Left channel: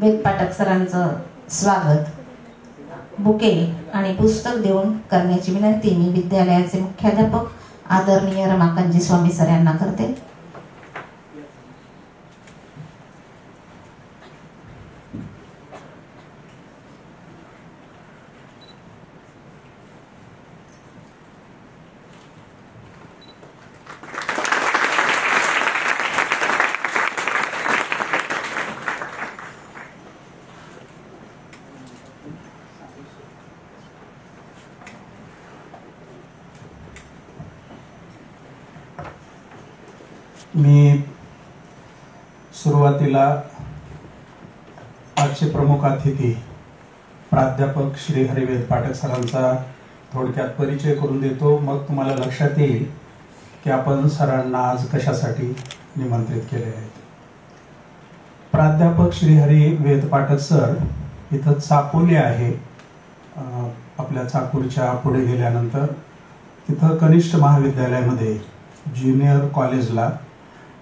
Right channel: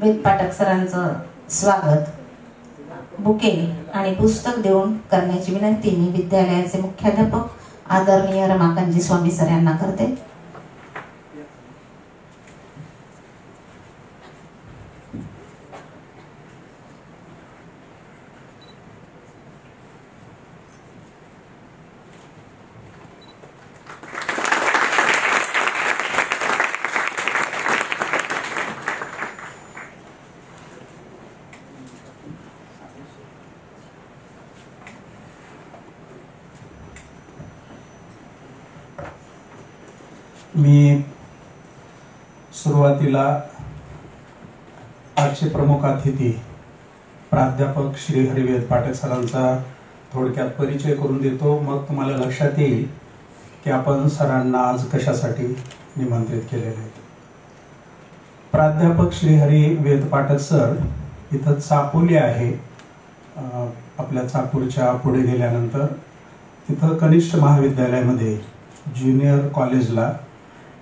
वेद पाठक सरांचं स्वागत बुके आणि पुस्तक देऊन करण्याची विनंती मी विद्यालयाचे मुख्याध्यापक आदरणीय रमाकांतजी स्वामी सर यांना करते. मी सुरुवातीला आजचे प्रमुख अतिथी प्राध्यापक श्री हरी वेद पाठक सरांचा थोडक्यात परिचय करून देतो. मग तुम्हाला लक्षात येईल की आपण सरांना आज कशासाठी निमंत्रित केले आहेत. प्राध्यापक श्री हरी वेद पाठक सर इथं चापोली आहे. आपल्या चाकूरच्या पुढे गेल्यानंतर तिथं कनिष्ठ महाविद्यालयामध्ये ज्युनियर कॉलेजला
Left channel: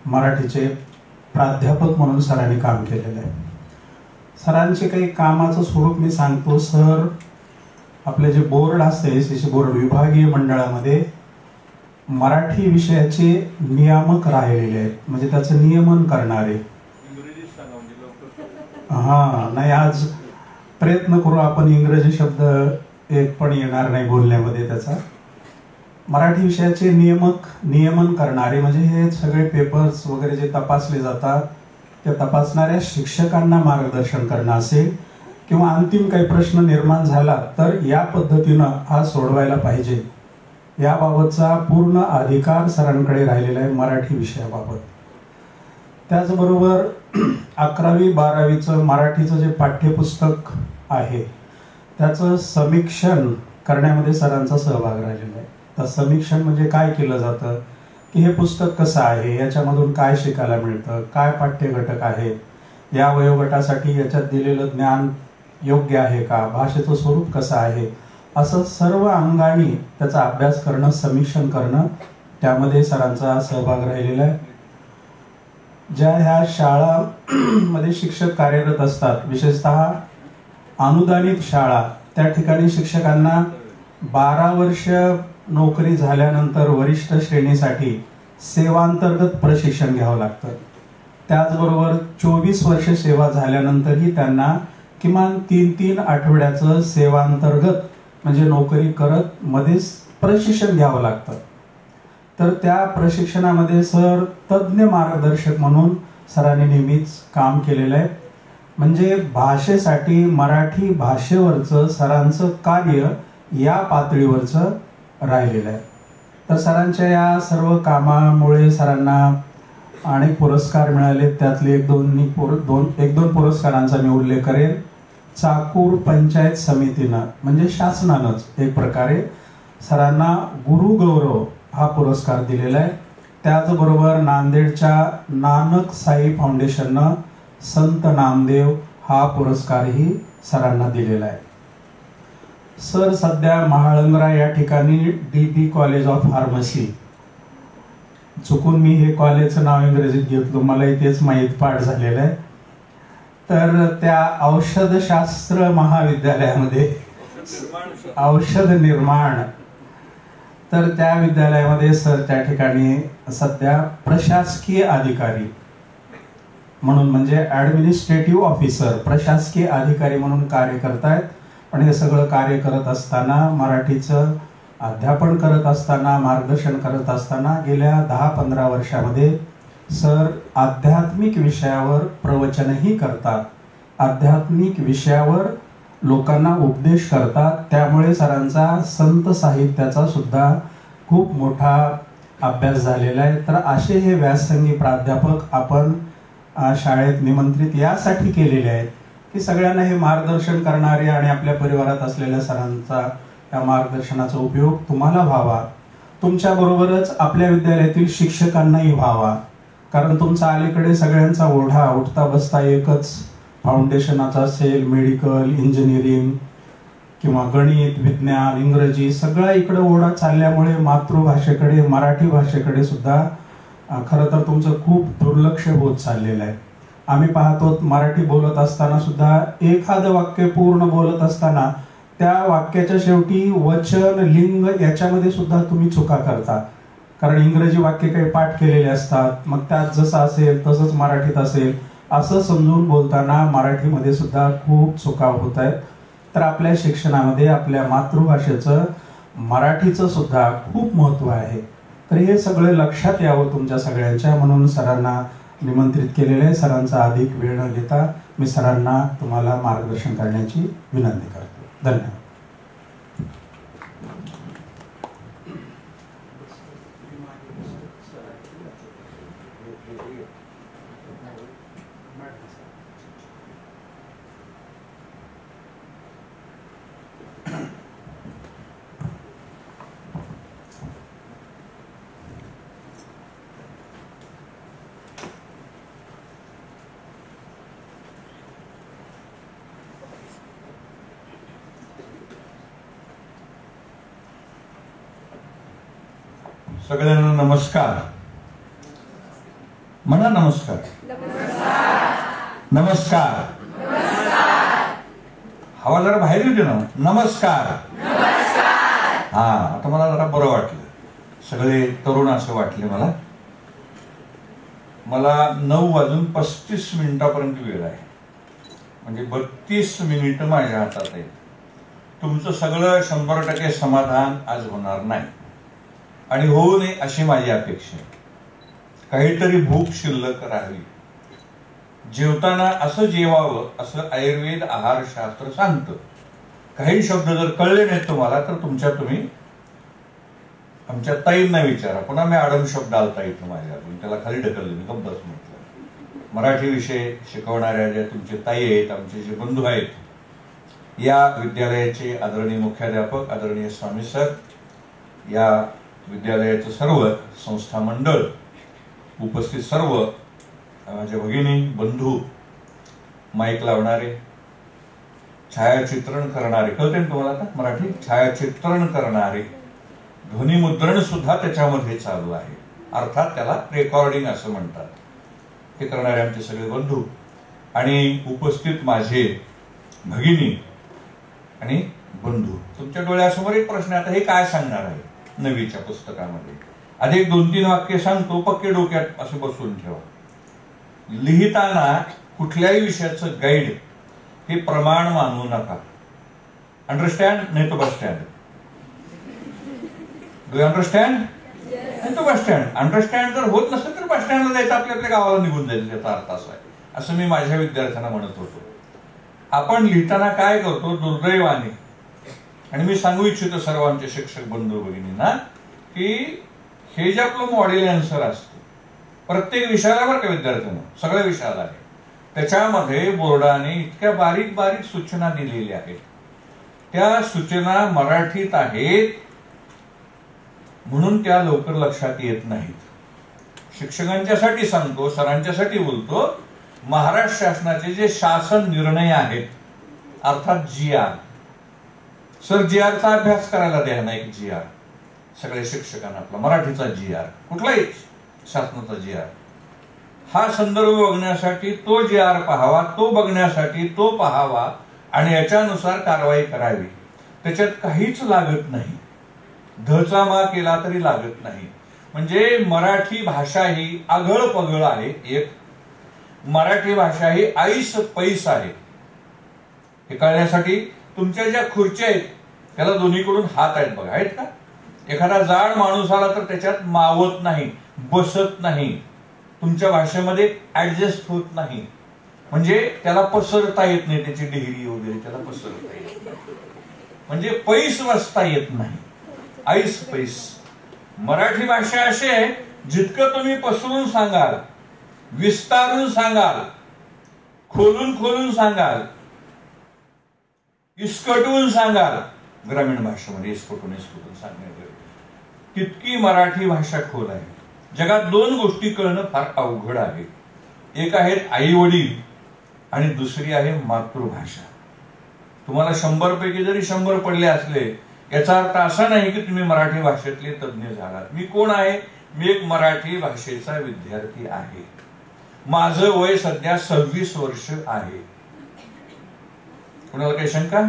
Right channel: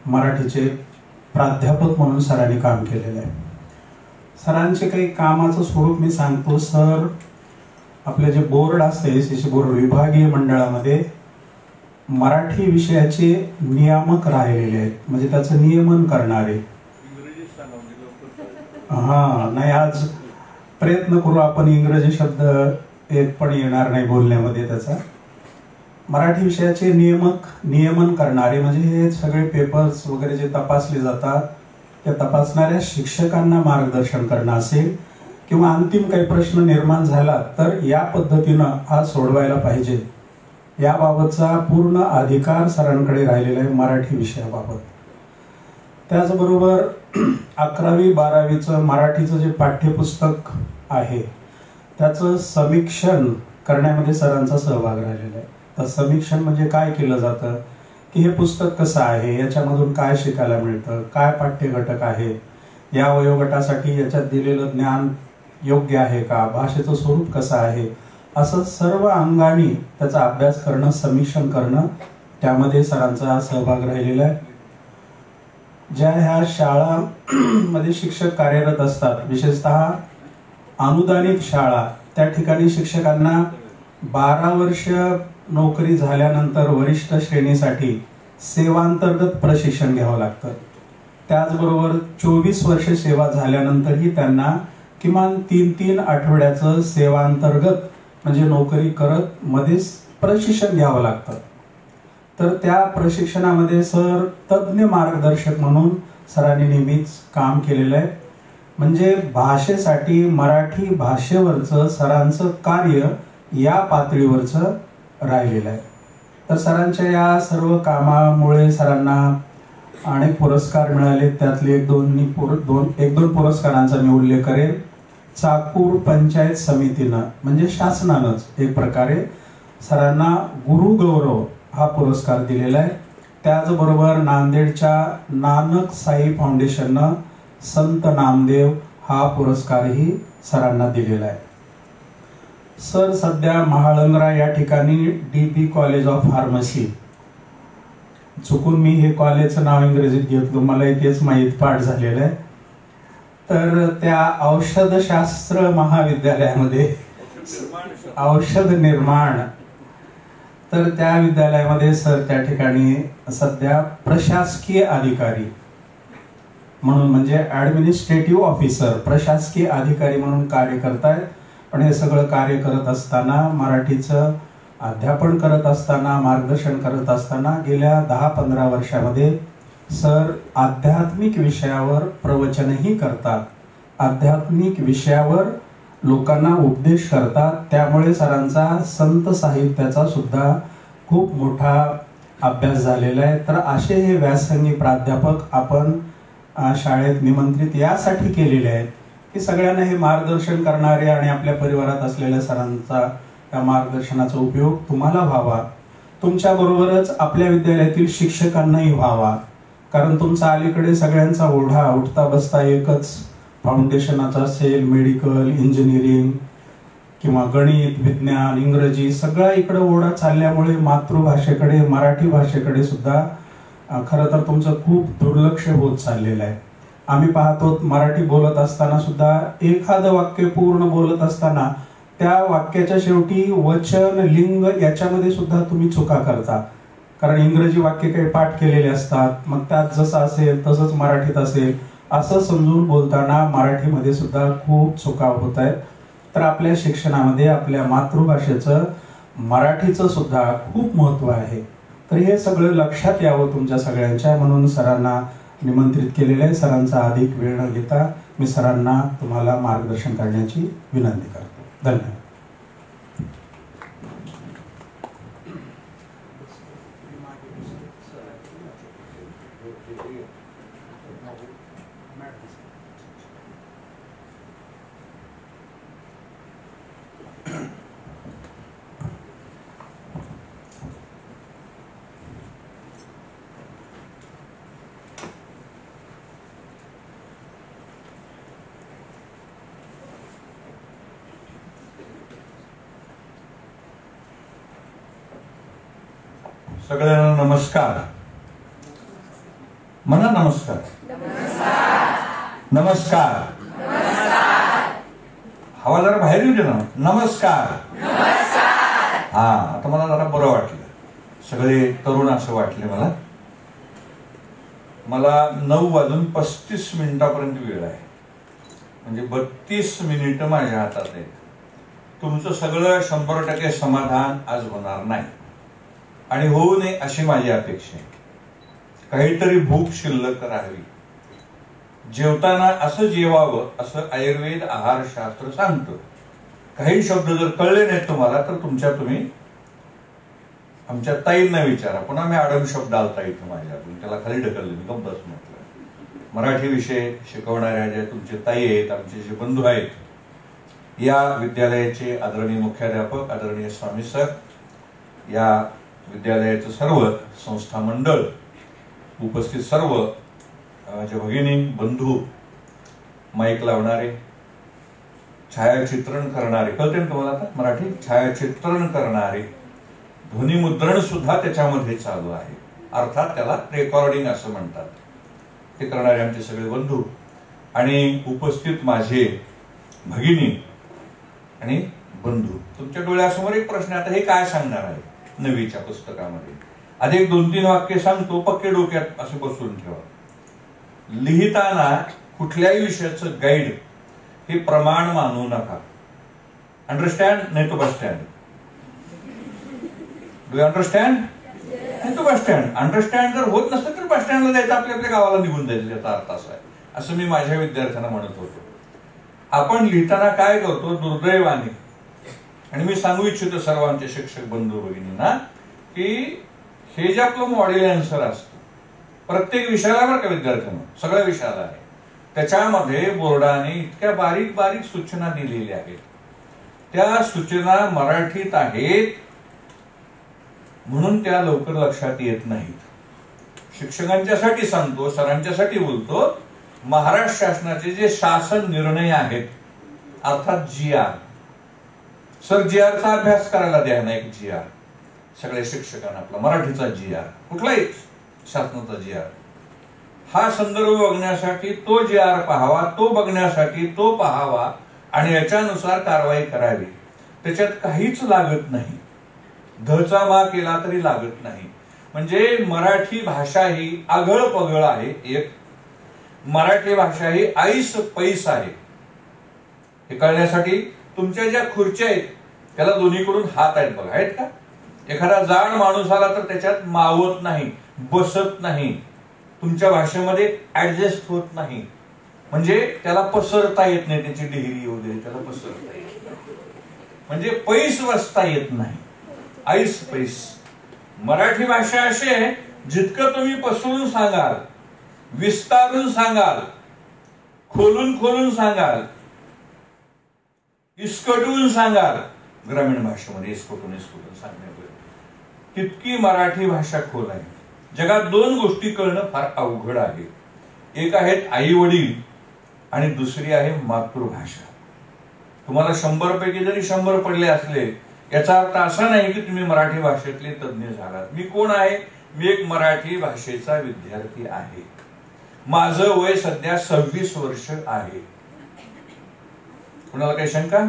मराठीचे प्राध्यापक म्हणून सरांनी काम केलेलं आहे. सरांचे काही कामाचं स्वरूप मी सांगतो. सर आपले जे बोर्ड असते त्याचे बोर्ड विभागीय मंडळामध्ये मराठी विषयाचे नियामक राहिलेले आहेत, म्हणजे त्याचं नियमन करणारे. नाही, आज प्रयत्न करू आपण. इंग्रजी शब्द एक पण येणार नाही बोलण्यामध्ये. त्याचा मराठी विषयाचे नियमन करणारे म्हणजे हे सगळे पेपर्स वगैरे जे तपासले जातात त्या तपासणाऱ्या शिक्षकांना मार्गदर्शन करणं असेल किंवा अंतिम काही प्रश्न निर्माण झाला तर या पद्धतीनं हा सोडवायला पाहिजे याबाबतचा पूर्ण अधिकार सरांकडे राहिलेला आहे मराठी विषयाबाबत. त्याचबरोबर 11वी-12वीचं मराठीचं जे पाठ्यपुस्तक आहे त्याचं समीक्षण करण्यामध्ये सरांचा सहभाग राहिलेला आहे. तर समीक्षण म्हणजे काय केलं जातं की हे पुस्तक कसं आहे, याच्यामधून काय शिकायला मिळतं, काय पाठ्य घटक आहे, या वयोगटासाठी याच्यात दिलेलं ज्ञान योग्य आहे का, भाषेचं स्वरूप कसं आहे, असं सर्व अंगाने त्याचा अभ्यास करणं, समीक्षण करणं, त्यामध्ये सरांचा सहभाग राहिलेला आहे. ज्या ह्या शाळांमध्ये शिक्षक कार्यरत असतात, विशेषतः अनुदानित शाळा, त्या ठिकाणी शिक्षकांना 12 वर्ष नोकरी झाल्यानंतर वरिष्ठ श्रेणीसाठी सेवांतर्गत प्रशिक्षण घ्यावं लागतं. त्याचबरोबर 24 वर्ष सेवा झाल्यानंतरही त्यांना किमान 3 आठवड्याचं सेवांतर्गत म्हणजे नोकरी करत मध्येच प्रशिक्षण घ्यावं लागतं. तर त्या प्रशिक्षणामध्ये सर तज्ञ मार्गदर्शक म्हणून सरांनी नेहमीच काम केलेलं आहे. म्हणजे भाषेसाठी मराठी भाषेवरचं सरांचं कार्य या पातळीवरचं राहिलेलं आहे. तर सरांच्या या सर्व कामामुळे सरांना अनेक पुरस्कार मिळाले. त्यातले एक दोन पुरस्कारांचा मी उल्लेख करेन. चाकूर पंचायत समितीनं म्हणजे शासनानंच एक प्रकारे सरांना गुरु गौरव हा पुरस्कार दिलेला आहे. त्याचबरोबर नांदेडच्या नानक साई फाउंडेशननं संत नामदेव हा पुरस्कारही सरांना दिलेला आहे. सर सध्या महाळंगरा या ठिकाणी DB कॉलेज ऑफ फार्मसी, चुकून मी हे कॉलेजचं नाव इंग्रजीत घेतलं, मला तेच माहीत पाठ झालेलं आहे. तर त्या औषधशास्त्र महाविद्यालयामध्ये औषध निर्माण, तर त्या विद्यालयामध्ये सर त्या ठिकाणी सध्या प्रशासकीय अधिकारी म्हणून म्हणजे ऍडमिनिस्ट्रेटिव्ह ऑफिसर, प्रशासकीय अधिकारी म्हणून कार्य करतायत. पण हे सगळं कार्य करत असताना, मराठीचं अध्यापन करत असताना, मार्गदर्शन करत असताना गेल्या 10-15 वर्षामध्ये सर आध्यात्मिक विषयावर प्रवचनही करतात, आध्यात्मिक विषयावर लोकांना उपदेश करतात. त्यामुळे सरांचा संत साहित्याचा सुद्धा खूप मोठा अभ्यास झालेला आहे. तर असे हे व्यासंगी प्राध्यापक आपण शाळेत निमंत्रित यासाठी केलेले आहेत की सगळ्यांना हे मार्गदर्शन करणारे आणि आपल्या परिवारात असलेल्या सरांचा या मार्गदर्शनाचा उपयोग तुम्हाला व्हावा, तुमच्या बरोबरच आपल्या विद्यालयातील शिक्षकांनाही व्हावा. कारण तुमचा अलीकडे सगळ्यांचा ओढा उठता बसता एकच फाउंडेशनाचा असेल, मेडिकल, इंजिनिअरिंग किंवा गणित, विज्ञान, इंग्रजी, सगळा इकडे ओढा चालल्यामुळे मातृभाषेकडे, मराठी भाषेकडे सुद्धा खरं तर तुमचं खूप दुर्लक्ष होत चाललेलं आहे. आम्ही पाहतो मराठी बोलत असताना सुद्धा एखादं वाक्य पूर्ण बोलत असताना त्या वाक्याच्या शेवटी वचन लिंग याच्यामध्ये सुद्धा तुम्ही चुका करता. कारण इंग्रजी वाक्य काही पाठ केलेले असतात, मग त्यात जसं असेल तसंच मराठीत असेल असं समजून बोलताना मराठीमध्ये सुद्धा खूप चुका होत आहेत. तर आपल्या शिक्षणामध्ये आपल्या मातृभाषेचं मराठीचं सुद्धा खूप महत्व आहे. तर हे सगळं लक्षात यावं तुमच्या सगळ्यांच्या, म्हणून सरांना निमंत्रित केलेलं आहे. सरांचा अधिक वेळ न घेता मी सरांना तुम्हाला मार्गदर्शन करण्याची विनंती करतो. धन्यवाद. सगळ्यांना नमस्कार. म्हणा नमस्कार. नमस्कार. हवा जरा बाहेर येऊ दे ना. नमस्कार. हा, आता मला जरा बरं वाटलं. सगळे तरुण असं वाटले मला. 9:35 वेळ आहे, म्हणजे 32 मिनिटं माझ्या हातात आहेत. तुमचं सगळं 100% समाधान आज होणार नाही आणि होऊ नये अशी माझी अपेक्षा आहे. काहीतरी भूक शिल्लक राहावी. जेवताना असं जेवावं असं आयुर्वेद आहारशास्त्र सांगतं. काही शब्द जर कळले नाहीत तुम्हाला तर तुम्ही आमच्या ताईंना विचारा. पुन्हा मी आडम शब्द आलता इथं माझ्या, त्याला खाली ढकलले, मी गप्प बस म्हटलं. मराठी विषय शिकवणाऱ्या ज्या तुमचे ताई आहेत, आमचे जे बंधू आहेत, या विद्यालयाचे आदरणीय मुख्याध्यापक आदरणीय स्वामी सर, या विद्यालयाचं सर्व संस्था मंडळ, उपस्थित सर्व माझे भगिनी बंधू, माईक लावणारे, छायाचित्रण करणारे, कळते ना तुम्हाला आता मराठी, छायाचित्रण करणारे, ध्वनिमुद्रण सुद्धा त्याच्यामध्ये चालू आहे, अर्थात त्याला रेकॉर्डिंग असं म्हणतात, ते करणारे आमचे सगळे बंधू आणि उपस्थित माझे भगिनी आणि बंधू. तुमच्या डोळ्यासमोर एक प्रश्न, आता हे काय सांगणार आहे नवीच्या पुस्तकामध्ये? आधी 2-3 वाक्य सांगतो, पक्के डोक्यात असं बसून ठेवा. लिहिताना कुठल्याही विषयाचं गाईड हे प्रमाण मानू नका. अंडरस्टँड? नाही तो बस स्टँड. Do understand? नाही तो बस स्टँड. अंडरस्टँड जर होत नसतं तर बस स्टँडला जायचं, आपल्या गावाला निघून जायचं, त्याचा अर्थ असा आहे, असं मी माझ्या विद्यार्थ्यांना म्हणत होतो. आपण लिहिताना काय करतो दुर्दैवाने, आणि मी सांगू इच्छितो सर्वांचे शिक्षक बंधू भगिनींना, की हे जे आपलं मॉडेल आन्सर असतं प्रत्येक विषयाला, बरं का विद्यार्थ्यांना, सगळ्या विषयाला आहे, त्याच्यामध्ये बोर्डाने इतक्या बारीक बारीक सूचना दिलेल्या आहेत. त्या सूचना मराठीत आहेत म्हणून त्या लवकर लक्षात येत नाहीत. शिक्षकांच्यासाठी सांगतो, सरांच्यासाठी बोलतो, महाराष्ट्र शासनाचे जे शासन निर्णय आहेत, अर्थात GR, सर GRचा अभ्यास करायला द्या ना, एक GR सगळ्या शिक्षकांना, आपला मराठीचा GR, कुठलाही शासनाचा GR, हा संदर्भ बघण्यासाठी तो GR पाहावा, तो बघण्यासाठी तो पाहावा आणि याच्यानुसार कारवाई करावी. त्याच्यात काहीच लागत नाही, धचा मा केला तरी लागत नाही. म्हणजे मराठी भाषा ही आगळ पगळ आहे. एक मराठी भाषा ही ऐस पैस आहे. हे कळण्यासाठी तुमच्या ज्या खुर्च्या आहेत त्याला दोन्हीकडून हात आहेत बघा, आहेत का? एखादा जाड माणूस आला तर त्याच्यात मावत नाही, बसत नाही, तुमच्या भाषेमध्ये ऍडजस्ट होत नाही, म्हणजे त्याला पसरता येत नाही, त्याची डिग्री वगैरे त्याला पसरता येत नाही, म्हणजे पैस बसता येत नाही, ऐस पैस. मराठी भाषा अशी आहे, जितकं तुम्ही पसरून सांगाल, विस्तारून सांगाल, खोलून सांगाल, इसकटून सांगाल, ग्रामीण भाषेमध्ये इसकटून सांगण्यात तितकी मराठी भाषा खोल आहे. जगात 2 गोष्टी कळणं फार अवघड आहे. एक आहेत आई वडील आणि दुसरी आहे मातृभाषा. तुम्हाला 100 पैकी जरी 100 पडले असले, याचा अर्थ असा नाही की तुम्ही मराठी भाषेतले तज्ञ झालात. मी कोण आहे? मी एक मराठी भाषेचा विद्यार्थी आहे. माझं वय सध्या 26 वर्ष आहे. कुणाला काही शंका?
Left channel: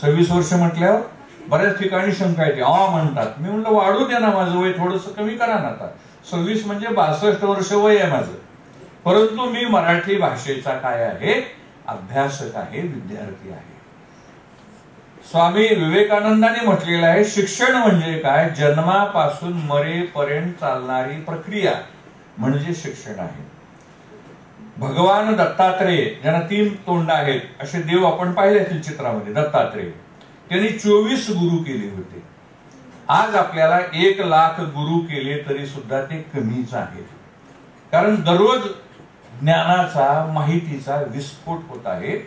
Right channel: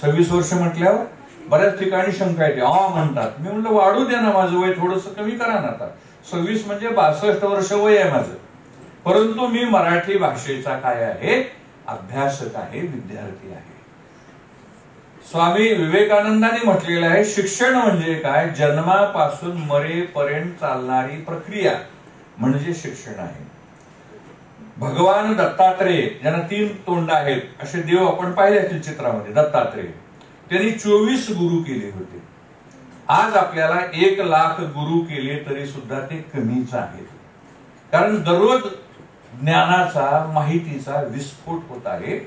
26 वर्ष म्हटल्यावर बऱ्याच ठिकाणी शंका येते, म्हणतात. मी म्हणलं वाढू द्या ना, माझं वय थोडंसं कमी करा ना. आता 26 म्हणजे 62 वर्ष वय आहे माझं. परंतु मी मराठी भाषेचा काय आहे? अभ्यासक आहे, विद्यार्थी आहे. स्वामी विवेकानंदांनी म्हटलेलं आहे, शिक्षण म्हणजे काय? जन्मापासून मरेपर्यंत चालणारी प्रक्रिया म्हणजे शिक्षण आहे. भगवान दत्तात्रेय, ज्यांना 3 तोंड आहेत असे देव आपण पाहिले असतील चित्रामध्ये, दत्तात्रेय, त्यांनी 24 गुरु केले होते. आज आपल्याला 1 लाख गुरु केले तरी सुद्धा ते कमीच आहेत. कारण दररोज ज्ञानाचा, माहितीचा विस्फोट होत आहे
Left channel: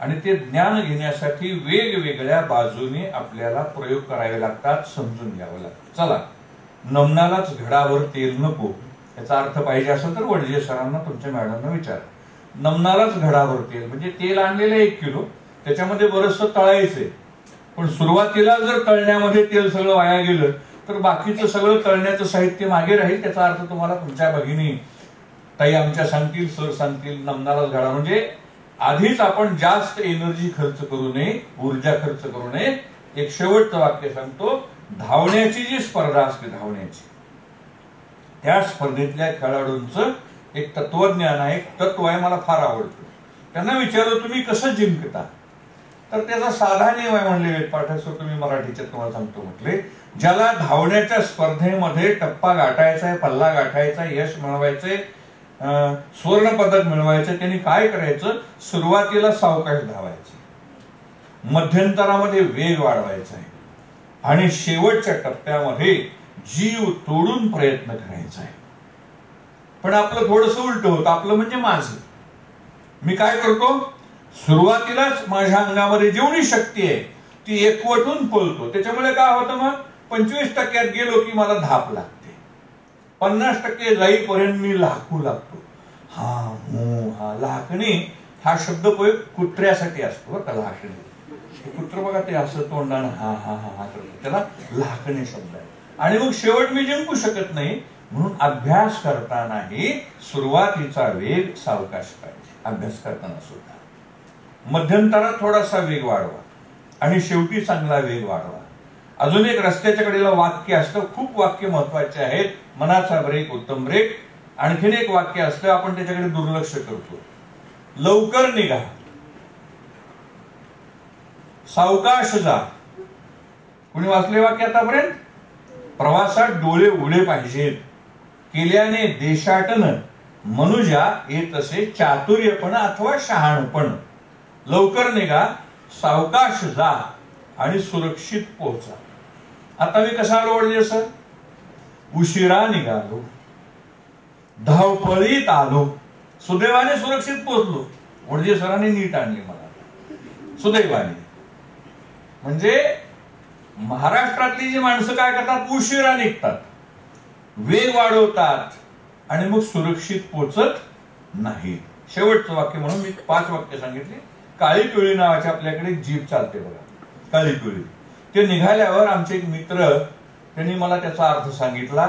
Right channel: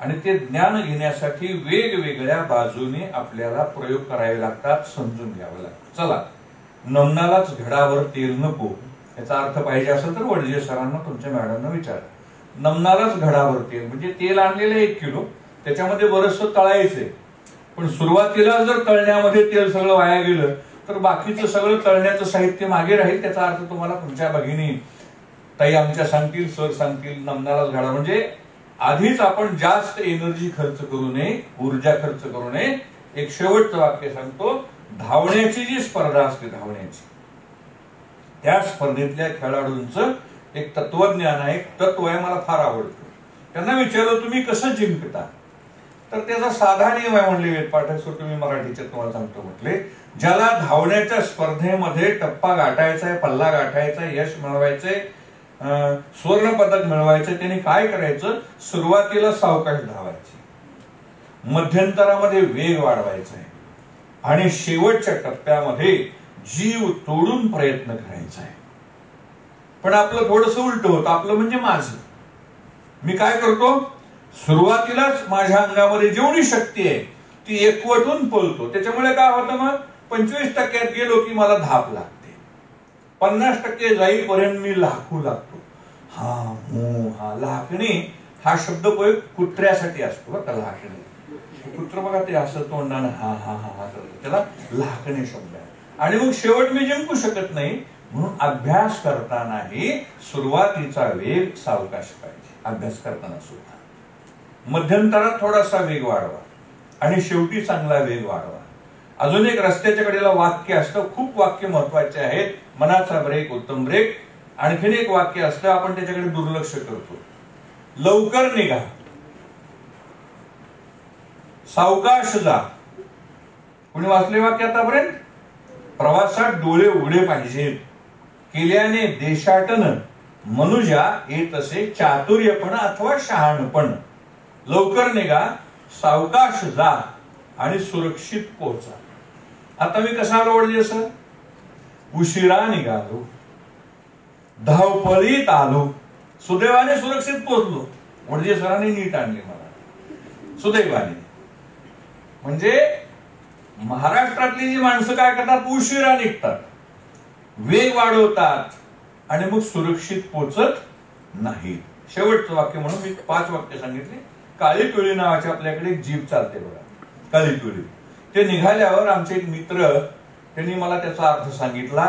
आणि ते ज्ञान घेण्यासाठी वेगवेगळ्या बाजूने आपल्याला प्रयोग करावे लागतात, समजून घ्यावे लागतात. चला, नमनालाच घडावर तेल नको याचा अर्थ पाहिजे असेल तर वडजे सरांना, तुमच्या मॅडमना विचार. नमनालाच घडावर तेल म्हणजे तेल आणलेलं 1 किलो, त्याच्यामध्ये बरचसं तळायचंय. पण सुरुवातीला जर तळण्यामध्ये तेल सगळं वाया गेलं तर बाकीचं सगळं तळण्याचं साहित्य मागे राहील. त्याचा अर्थ तुम्हाला तुमच्या भगिनी ताई आमच्या सांगतील, सर सांगतील, नमनालाच घडा म्हणजे आधीच आपण जास्त एनर्जी खर्च करू नये, ऊर्जा खर्च करू नये. एक शेवटचं वाक्य सांगतो, धावण्याची जी स्पर्धा असते, धावण्याची, त्या स्पर्धेतल्या खेळाडूंचं एक तत्वज्ञान आहे, तत्व आहे, मला फार आवडतं. त्यांना विचारलं तुम्ही कसं जिंकता? तर त्याचा साधा नियम आहे म्हणले वेद पाठक सर, तुम्ही मराठीच्यात तुम्हाला सांगतो म्हटले, ज्याला धावण्याच्या स्पर्धेमध्ये टप्पा गाठायचा आहे, पल्ला गाठायचा आहे, यश मिळवायचंय, सुवर्ण पदक मिळवायचं, त्यांनी काय करायचं? सुरुवातीला सावकाश धावायचं, मध्यंतरामध्ये वेग वाढवायचा आहे आणि शेवटच्या टप्प्यामध्ये जीव तोडून प्रयत्न करायचा आहे. पण आपलं थोडंसं उलट होतं. आपलं म्हणजे माझं, मी काय करतो? सुरुवातीलाच माझ्या अंगामध्ये जेवढी शक्ती आहे ती एकवटून पळतो. त्याच्यामुळे काय होतं? मग 25% गेलो की मला धाप लागते, 50% जाईपर्यंत मी लाकू लागतो. लाकणी हा शब्द कुत्र्यासाठी असतो बरं का. लाकणी, कुत्र बघा ते असं तोंडाने हा हा हा करतो, त्याला लाकणी शब्द आहे. आणि मग शेवट मी जिंकू शकत नाही. म्हणून अभ्यास करतानाही सुरुवातीचा वेग सावकाश पाहिजे. अभ्यास करताना सुद्धा मध्यंतरात थोडासा वेग वाढवा आणि शेवटी चांगला वेग वाढवा. अजून एक रस्त्याच्या कडेला वाक्य असतं, खूप वाक्य महत्वाचे आहेत. मनाचा ब्रेक उत्तम ब्रेक. आणखीन एक वाक्य असतं, आपण त्याच्याकडे दुर्लक्ष करतो. लवकर निघा, सावकाश जा. कुणी वाचले वाक्य आतापर्यंत? प्रवासात डोळे उघडे पाहिजेत, केल्याने देशाटन मनुजा येत असे चातुर्यपण अथवा शहाणपण. लवकर निघा, सावकाश जा आणि सुरक्षित पोहोचा. आता मी कसा आलो वडजे सर? उशिरा निघालो, धावपळीत आलो, सुदैवाने सुरक्षित पोहोचलो. वडजे सरांनी नीट आणले मला, सुदैवाने. म्हणजे महाराष्ट्रातली जी माणसं काय करतात? उशिरा निघतात, वेग वाढवतात आणि मग सुरक्षित पोहोचत नाही. शेवटचं वाक्य म्हणून मी 5 वाक्य सांगितली. काळी पिवळी नावाची आपल्याकडे एक जीप चालते बघा, काळी पिवळी. ते निघाल्यावर आमचे एक मित्र त्यांनी मला त्याचा अर्थ सांगितला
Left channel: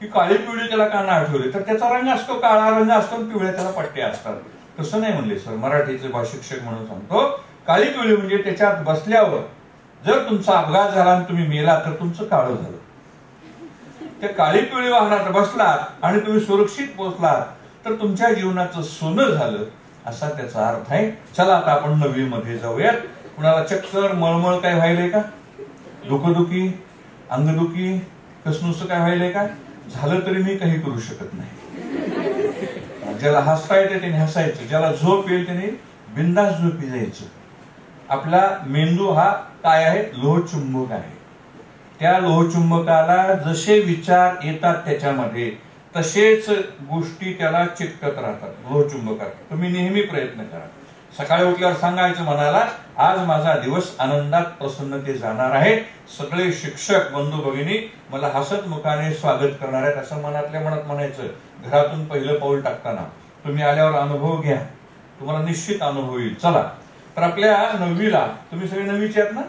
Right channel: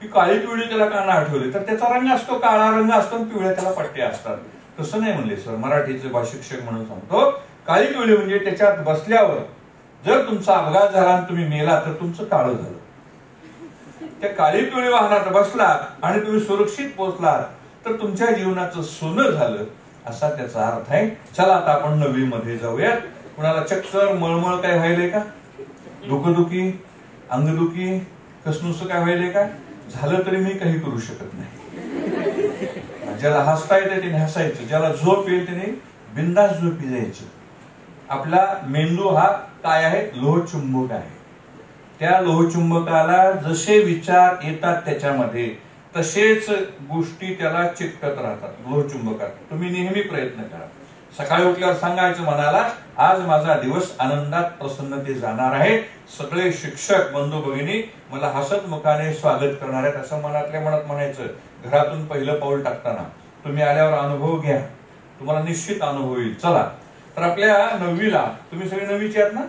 की काळी पिवळी त्याला का नाव ठेवले? तर त्याचा रंग असतो, काळा रंग असतो, पिवळ्या त्याला पट्ट्या असतात. तसं नाही म्हणले सर, मराठीचे भाषिक्षक म्हणून सांगतो. काळी पिवळी म्हणजे त्याच्यात बसल्यावर जर तुमचा अपघात झाला आणि तुम्ही मेला तर तुमचं काळं झालं. त्या काळी पिवळी वाहनात बसलात आणि तुम्ही सुरक्षित पोहोचलात तर तुमच्या जीवनाचं सोनं झालं, असा त्याचा अर्थ आहे. चला आता आपण नवीन मध्ये जाऊयात. कुणाला चक्कर मळमळ काय व्हायलंय का? डोकंदुखी, अंगदुखी, कसनुस काय व्हायलंय का? झालं तरी मी काही करू शकत नाही. ज्याला हसता येते त्याने हसायचं, ज्याला झोप येईल त्याने बिंदास झोपी जायचं. आपला मेंदू हा काय आहे? लोहचुंबक आहे. त्या लोहचुंबकाला जसे विचार येतात त्याच्यामध्ये तसेच गोष्टी त्याला चिकटत राहतात लोहचुंबकात. तुम्ही नेहमी प्रयत्न करा. सकाळी उठल्यावर सांगायचं मनाला, आज माझा दिवस आनंदात प्रसन्नते जाणार आहे. सगळे शिक्षक बंधू भगिनी मला हसत मुखाने स्वागत करणार आहेत असं मनातल्या मनात म्हणायचं. घरातून पहिलं पाऊल टाकताना तुम्ही आल्यावर अनुभव घ्या, तुम्हाला निश्चित अनुभव येईल. चला तर आपल्या 9वीला, तुम्ही सगळे 9वीचे आहात ना?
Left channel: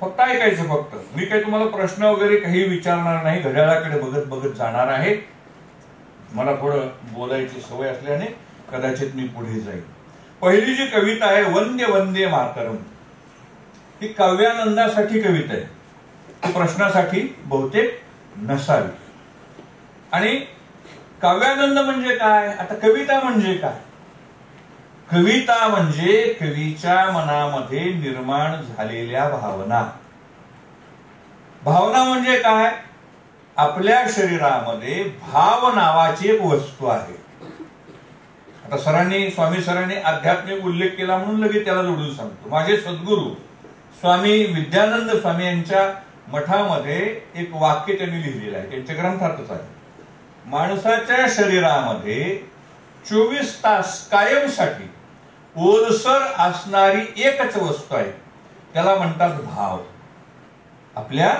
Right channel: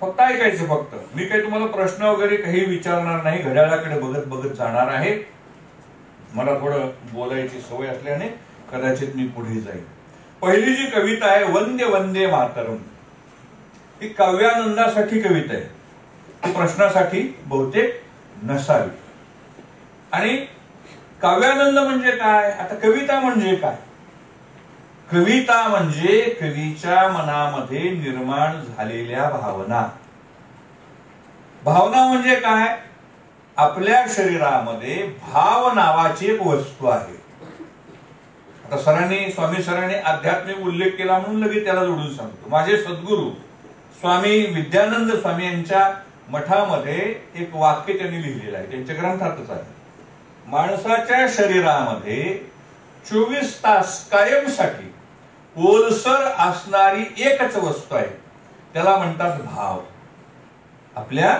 फक्त ऐकायचं. फक्त मी काही तुम्हाला प्रश्न वगैरे काही विचारणार नाही, घड्याळाकडे बघत बघत जाणार आहे. मला थोडं बोलायची सवय असल्याने कदाचित मी पुढे जाईल. पहिली जी कविता आहे वंदे वंदे मातरम, ही काव्यानंदासाठी कविता आहे, ती प्रश्नासाठी बहुतेक नसावी. आणि काव्यानंद म्हणजे काय, आता कविता म्हणजे काय? कविता म्हणजे कवीच्या मनामध्ये निर्माण झालेल्या भावना. भावना म्हणजे काय? आपल्या शरीरामध्ये भाव नावाची एक वस्तू आहे. आता स्वामी सरांनी आध्यात्मिक उल्लेख केला म्हणून लगेच त्याला जोडून सांगतो. माझे सद्गुरू स्वामी विद्यानंद स्वामी यांच्या मठामध्ये एक वाक्य त्यांनी लिहिलेलं आहे, त्यांच्या ग्रंथातच आहे. माणसाच्या शरीरामध्ये 24 तास कायमसाठी ओलसर असणारी एकच वस्तू आहे, त्याला म्हणतात भाव. आपल्या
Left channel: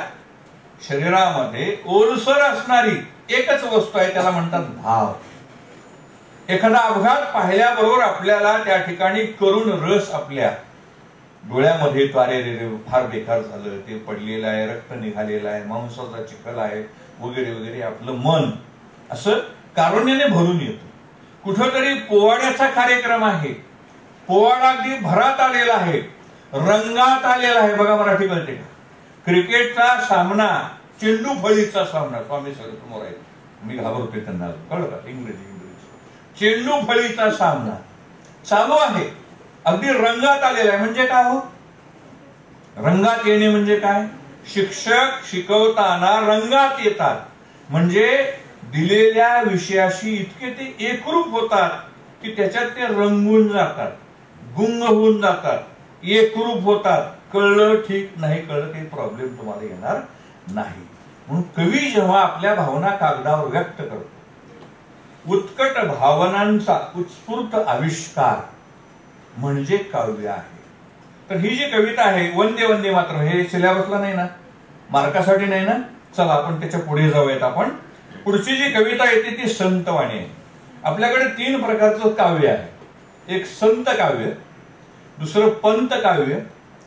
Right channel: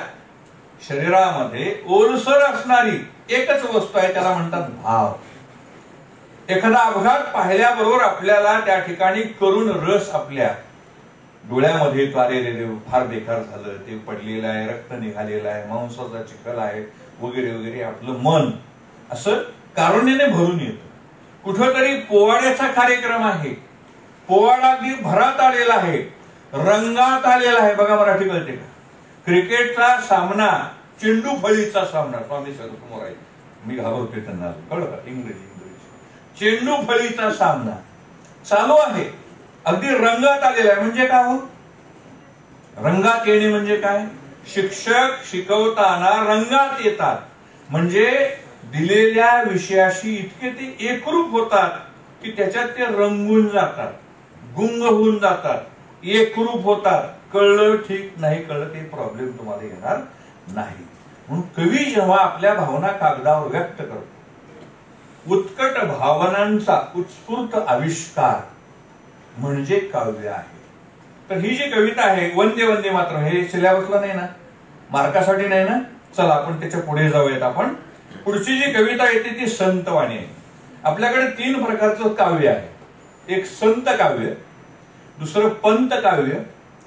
शरीरामध्ये ओलसर असणारी एकच वस्तू आहे, त्याला म्हणतात भाव. एखादा अपघात पाहिल्याबरोबर आपल्याला त्या ठिकाणी करुण रस आपल्या डोळ्यामध्ये येतो, अरे फार बेकार झालं, ते पडलेलं आहे, रक्त निघालेलं आहे, मांसाचा चिखल आहे वगैरे वगैरे. आपलं मन असं कारुण्याने भरून येतं. कुठेतरी पोवाड्याचा कार्यक्रम आहे, पोवाडा अगदी भरात आलेला आहे, रंगात आलेला आहे. बघा मराठी कळते का? क्रिकेटचा सामना, चेंडू फळीचा सामना, स्वामी सर समोर आहे, मी घाबरतोय त्यांना, कळलं का? इंग्रजी चेंडू फळीचा सामना चालू आहे, अगदी रंगात आलेला आहे. म्हणजे काय हो? रंगात येणे म्हणजे काय? शिक्षक शिकवताना रंगात येतात, म्हणजे दिलेल्या विषयाशी इतके ते एकरूप होतात की त्याच्यात ते रंगून जातात, गुंग होऊन जातात, एकरूप होतात. कळलं ठीक, नाही कळलं काही प्रॉब्लेम तुम्हाला येणार नाही. म्हणून कवी जेव्हा आपल्या भावना कागदावर व्यक्त करतो, उत्कट भावनांचा उत्स्फूर्त आविष्कार म्हणजे काव्य आहे. तर ही जी कविता आहे वंदे वंदे मातरम, हे सिलेबसला नाही ना, मार्कासाठी नाही ना. चला आपण त्याच्या पुढे जाऊयात. आपण पुढची जी कविता येते ती संतवाणी आहे. आपल्याकडे 3 प्रकारचं काव्य आहे. एक संत काव्य, दुसरं पंत काव्य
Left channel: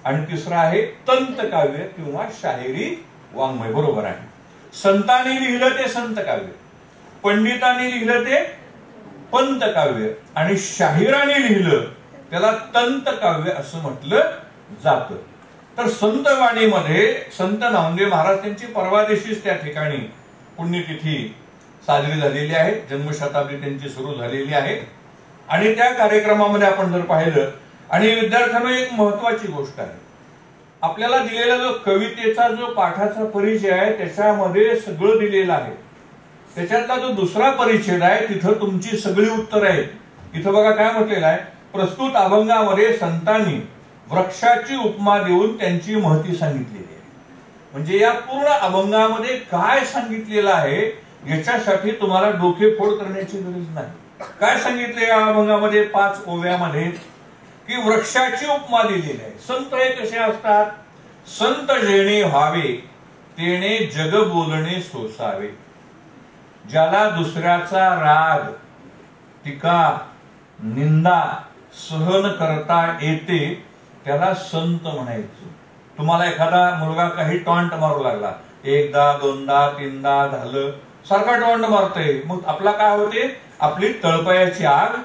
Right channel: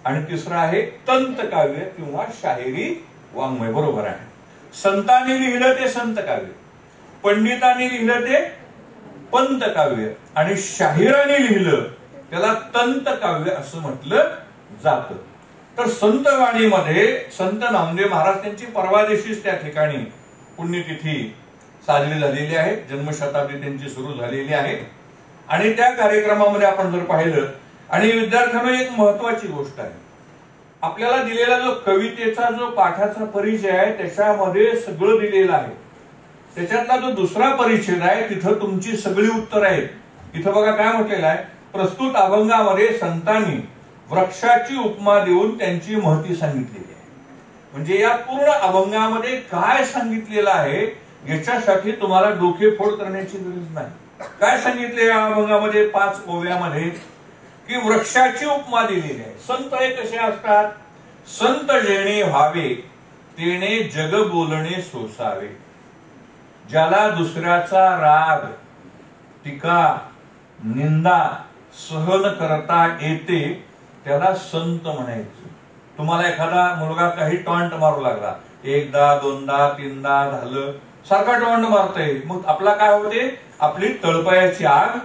आणि तिसरं आहे तंत काव्य किंवा शाहिरी वाङ्मय. बरोबर आहे. संतांनी लिहिलं ते संत काव्य, पंडितांनी लिहिलं ते पंत काव्य आणि शाहिराने लिहिलं त्याला तंत काव्य असं म्हटलं जातं. तर संतवाणीमध्ये संत नामदेव महाराज त्यांची परवा दिवशीच त्या ठिकाणी पुण्यतिथी साजरी झालेली आहे, जन्मशताब्दी त्यांची सुरू झालेली आहे. आणि त्या कार्यक्रमामध्ये आपण जर पाहिलं, आणि विद्यार्थ्यांना एक महत्वाची गोष्ट आहे, आपल्याला दिलेला जो कवितेचा जो पाठाचा परिचय आहे त्याच्यामध्ये सगळं दिलेलं आहे. त्याच्यातला जो दुसरा परिच्छेद आहे तिथं तुमची सगळी उत्तर आहेत. इथं बघा काय म्हटलेलं आहे, प्रस्तुत अभंगामध्ये संतांनी वृक्षाची उपमा देऊन त्यांची महती सांगितलेली आहे. म्हणजे या पूर्ण अभंगामध्ये काय सांगितलेलं आहे याच्यासाठी तुम्हाला डोकेफोड करण्याची गरज नाही. काय सांगितले या अभंगामध्ये 5 ओव्यामध्ये, की वृक्षाची उपमा दिलेली आहे. संत हे कसे असतात? संत जेणे व्हावे तेणे जग बोलणे सोसावे. ज्याला दुसऱ्याचा राग, टीका, निंदा सहन करता येते त्याला संत म्हणायचं. तुम्हाला एखादा मुलगा काही टॉन्ट मारू लागला, 1दा 2दा 3दा झालं, सारखा टॉन्ट मारतोय, मग आपला काय होते? आपली तळपायाची आग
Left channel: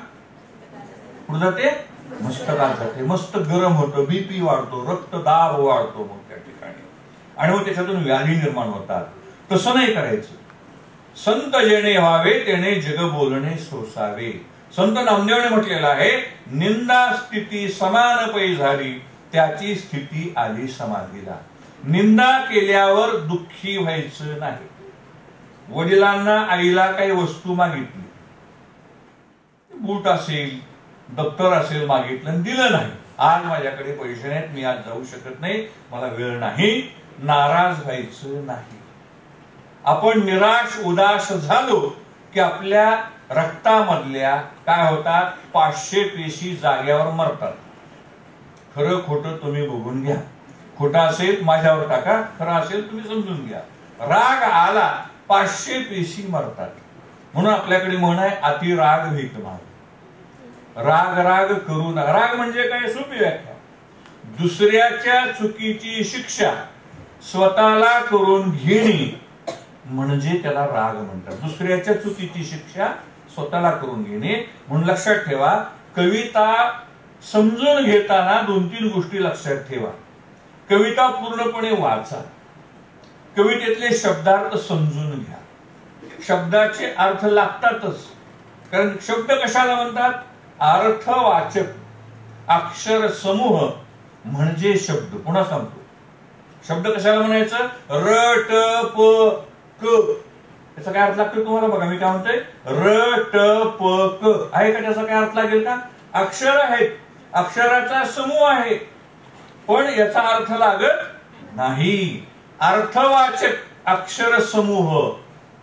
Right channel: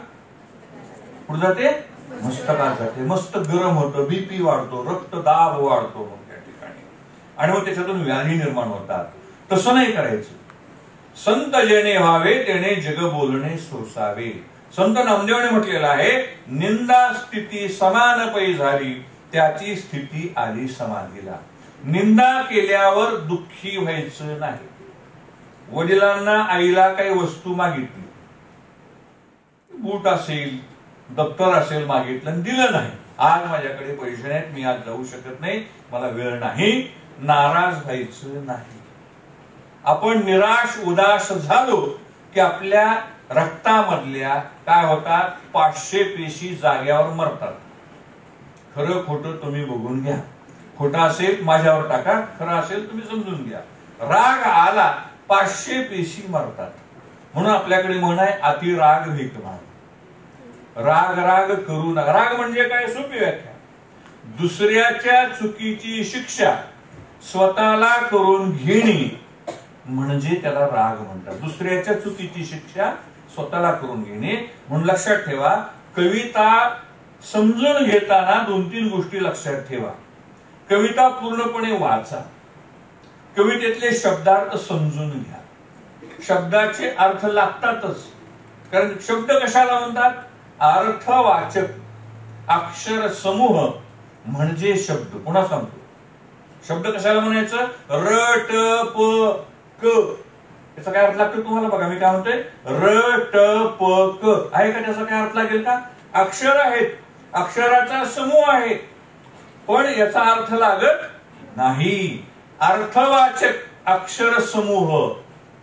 पुढे जाते, मस्तकात जाते, मस्त गरम होतं, बीपी वाढतो, रक्तदाब वाढतो मग त्या ठिकाणी, आणि मग त्याच्यातून व्याधी निर्माण होतात. तसं नाही करायचं. संत जेणे व्हावे तेणे जग बोलणे सोसावे. संत नामदेवने म्हटलेलं आहे, निंदा स्थिती समान पै झाली त्याची स्थिती आली समाधीला. निंदा केल्यावर दुःखी व्हायचं नाही. वडिलांना आईला काही वस्तू मागितली, बूट असेल दप्तर असेल मागितलं, दिलं नाही, आज माझ्याकडे पैसे नाहीत, मी आज जाऊ शकत नाही, मला वेळ नाही, नाराज व्हायचं नाही. आपण निराश उदास झालो की आपल्या रक्तामधल्या काय होतात, 500 पेशी जाग्यावर मरतात. खरं खोटं तुम्ही बघून घ्या. खोटं असेल माझ्यावर टाका, खरं असेल तुम्ही समजून घ्या. राग आला 500 पेशी मरतात. म्हणून आपल्याकडे म्हण आहे, अति राग भीक भाव. राग राग करू नका. राग म्हणजे काय? सोपी व्याख्या, दुसऱ्याच्या चुकीची शिक्षा स्वतःला करून घेणे म्हणजे त्याला राग म्हणतात. दुसऱ्याच्या चुकीची शिक्षा स्वतःला करून घेणे. म्हणून लक्षात ठेवा, कविता समजून घेताना 2-3 गोष्टी लक्षात ठेवा. कविता पूर्णपणे वाचा, कवितेतले शब्दार्थ समजून घ्या. शब्दाचे अर्थ लागतातच, कारण शब्द कशाला म्हणतात? अर्थवाचक अक्षर समूह म्हणजे शब्द. पुन्हा सांगतो, शब्द कशाला म्हणायचं? र ट प क. याचा काय अर्थ लागतो तुम्हाला? बघा मी काय म्हणतोय, र ट प क आहे का? त्याचा काय अर्थ लागेल का? अक्षर आहेत, अक्षराचा समूह आहे, पण याचा अर्थ लागत नाही. अर्थवाचक अक्षर समूह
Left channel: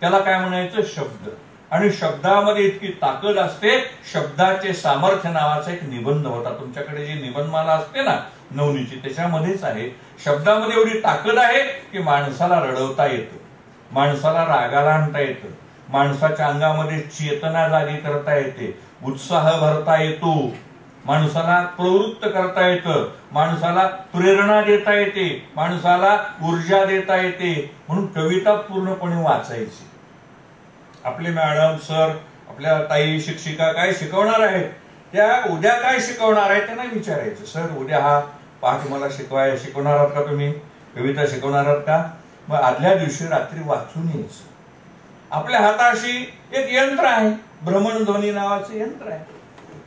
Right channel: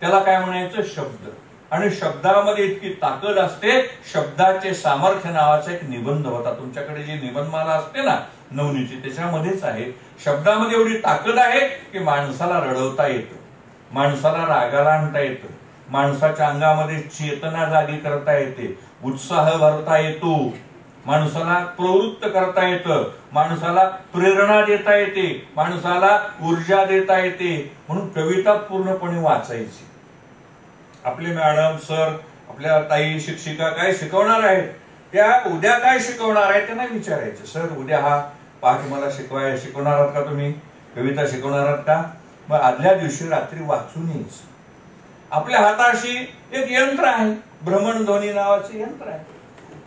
त्याला काय म्हणायचं? शब्द. आणि शब्दामध्ये इतकी ताकद असते. शब्दाचे सामर्थ्य नावाचा एक निबंध होता. तुमच्याकडे जी निबंधमाला असते ना नवनीची, त्याच्यामध्येच आहे. शब्दामध्ये एवढी ताकद आहे की माणसाला रडवता येतं, माणसाला रागाला आणता येतं, माणसाच्या अंगामध्ये चेतना जागी करता येते, उत्साह भरता येतो, माणसाला प्रवृत्त करता येतं, माणसाला प्रेरणा देता येते, माणसाला ऊर्जा देता येते. म्हणून कविता पूर्णपणे वाचायची. आपले मॅडम, सर, आपल्या ताई शिक्षिका काय शिकवणार आहेत, त्या उद्या काय शिकवणार आहेत त्यांना विचारायचं. सर उद्या हा पाठ मला शिकवणार आहात का? तुम्ही कविता शिकवणार आहात का? मग आदल्या दिवशी रात्री वाचून यायचं. आपल्या हाताशी एक यंत्र आहे, भ्रमणध्वनी नावाचं यंत्र आहे.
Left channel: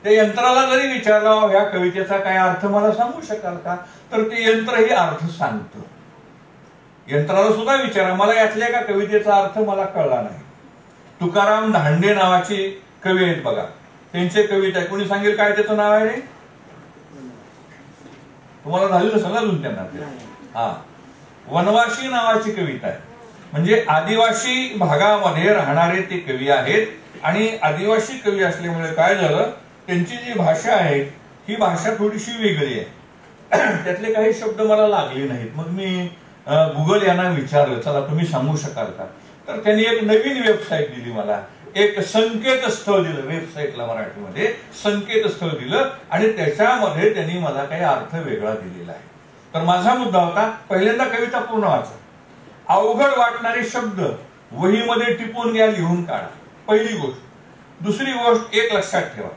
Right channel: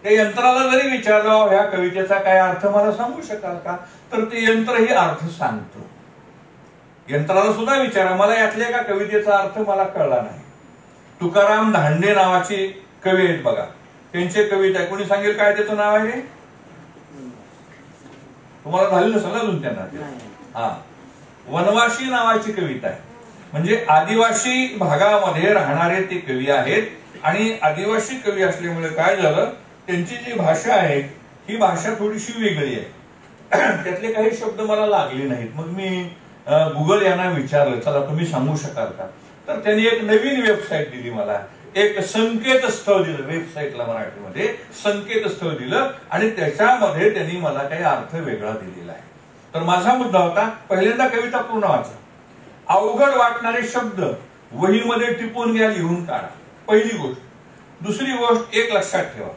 त्या यंत्राला जरी विचारलं ह्या कवितेचा काय अर्थ मला सांगू शकाल का, तर ते यंत्रही अर्थ सांगतं. यंत्राला सुद्धा विचारा, मला यातल्या एका कवितेचा अर्थ मला कळला नाही. तुकाराम धांडे नावाचे कवी आहेत बघा, त्यांचे कविता आहे. कोणी सांगेल काय त्याचं नाव आहे रे? तुम्हाला झालेलं नसेल अजून त्यांना. हा, वनवासी नावाची कविता आहे. म्हणजे आदिवासी भागामध्ये राहणारे ते कवी आहेत. आणि आदिवासी कवी असल्यामुळे काय झालं, त्यांची जी भाषा आहे ही भाषा थोडीशी वेगळी आहे. त्यातले काही शब्द मला लागले नाहीत. मग मी गुगल यांना विचारलं, चला तुम्ही सांगू शकाल का? तर त्यांनी एक नवीन वेबसाईट दिली मला, एक संकेतस्थळ दिलं. वेबसाईटला मराठीमध्ये संकेतस्थळ दिलं आणि त्याच्यामध्ये त्यांनी मला काही अर्थ वेगळा दिलेला आहे. तर माझा मुद्दा होता, पहिल्यांदा कविता पूर्ण वाचा. अवघड वाटणारे शब्द वहीमध्ये टिपून घ्या, लिहून काढा, पहिली गोष्ट. दुसरी गोष्ट एक लक्षात ठेवा,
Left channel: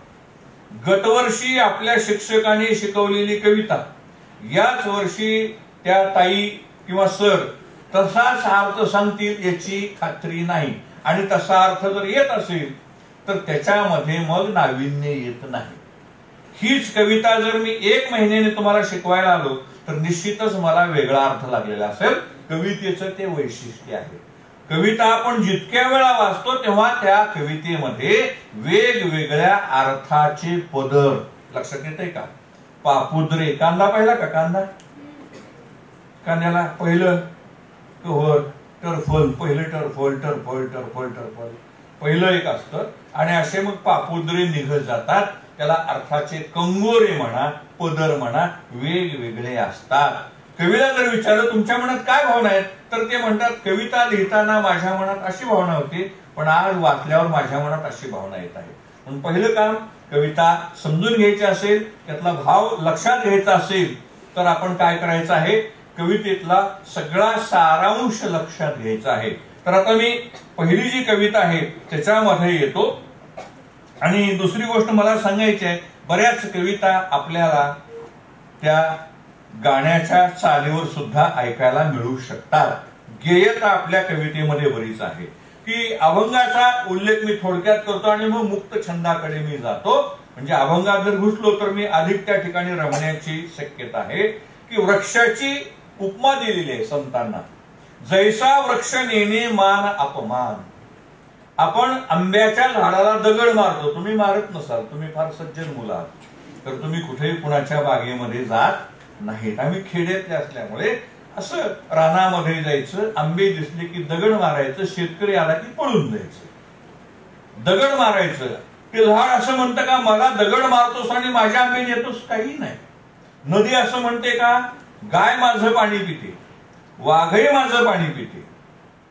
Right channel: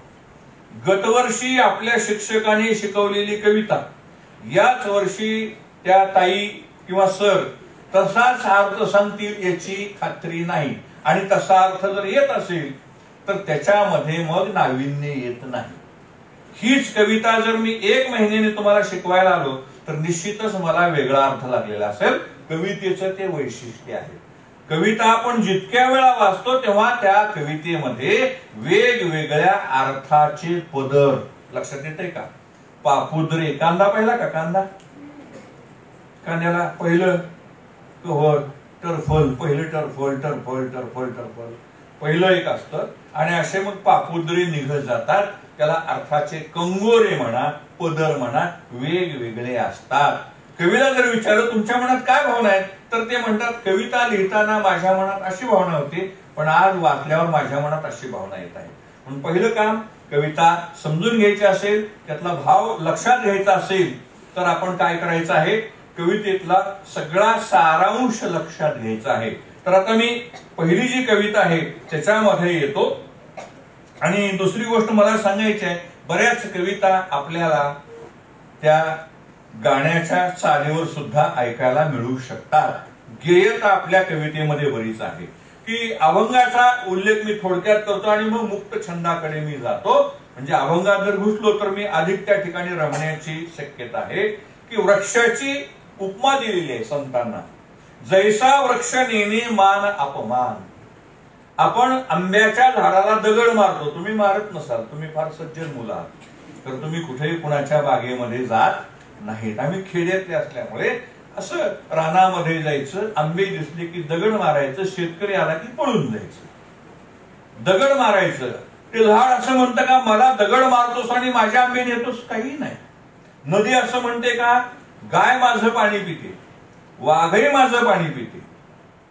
गतवर्षी आपल्या शिक्षकांनी शिकवलेली कविता याच वर्षी त्या ताई किंवा सर तसाच अर्थ सांगतील याची खात्री नाही. आणि तसा अर्थ जर येत असेल तर त्याच्यामध्ये मग नाविन्य येत नाही. हीच कविता जर मी 1 महिन्याने तुम्हाला शिकवायला आलो तर निश्चितच मला वेगळा अर्थ लागलेला असेल. कवितेचं ते वैशिष्ट्य आहे. कविता आपण जितक्या वेळा वाचतो तेव्हा त्या कवितेमध्ये वेगवेगळ्या अर्थाचे पदर लक्षात येते का? पापुद्रे, कांदा पाहिला का? कांदा, कांद्याला पहिलं होल टरफोल, पहिलं टरफोल टरफोल टरफोल टरफोल पहिलं एक असतं. आणि असे मग पापुद्रे निघत जातात. त्याला अर्थाचे कंगोरे म्हणा, पदर म्हणा, वेगवेगळे असतात. कवीला जर विचारलं तुमच्या मनात काय भावना आहेत, तर ते म्हणतात कविता लिहिताना माझ्या मनात अशी भावना होती, पण आज वाचल्यावर माझ्या मनात अशी भावना येत आहे. म्हणून पहिलं काम, कविता समजून घ्यायची असेल, त्यातला भाव लक्षात घ्यायचा असेल तर आपण काय करायचं आहे, कवितेतला सगळा सारांश लक्षात घ्यायचा आहे. तर आता मी पहिली जी कविता आहे त्याच्यामध्ये येतो. आणि दुसरी गोष्ट मला सांगायची आहे, बऱ्याच कविता आपल्याला त्या गाण्याच्या चालीवर सुद्धा ऐकायला मिळू शकतात. गेयता आपल्या कवितेमध्ये बरीच आहे. की अभंगाचा उल्लेख मी थोडक्यात करतो आणि मग मुक्त छंदाकडे मी जातो. म्हणजे अभंगात जर घुसलो तर मी अधिक त्या ठिकाणी रमण्याची शक्यता आहे. की वृक्षाची उपमा दिलेली आहे संतांना, जैसा वृक्ष नेणे मान अपमान. आपण आंब्याच्या झाडाला दगड मारतो, तुम्ही मारत नसाल, तुम्ही फार सज्जन मुलं आहात, तर तुम्ही कुठेही कुणाच्या बागेमध्ये जात नाहीत. आम्ही खेड्यातले असल्यामुळे असं रानामध्ये जायचं, आंबे दिसले की दगड मारायचं, शेतकरी आला की पळून जायचं. दगड मारायचं, ते झाड असं म्हणतं का मला दगड मारतोस आणि माझ्या आंबे देतोस? काही नाही. नदी असं म्हणते का गाय माझं पाणी पिते, वाघही माझं पाणी पिते.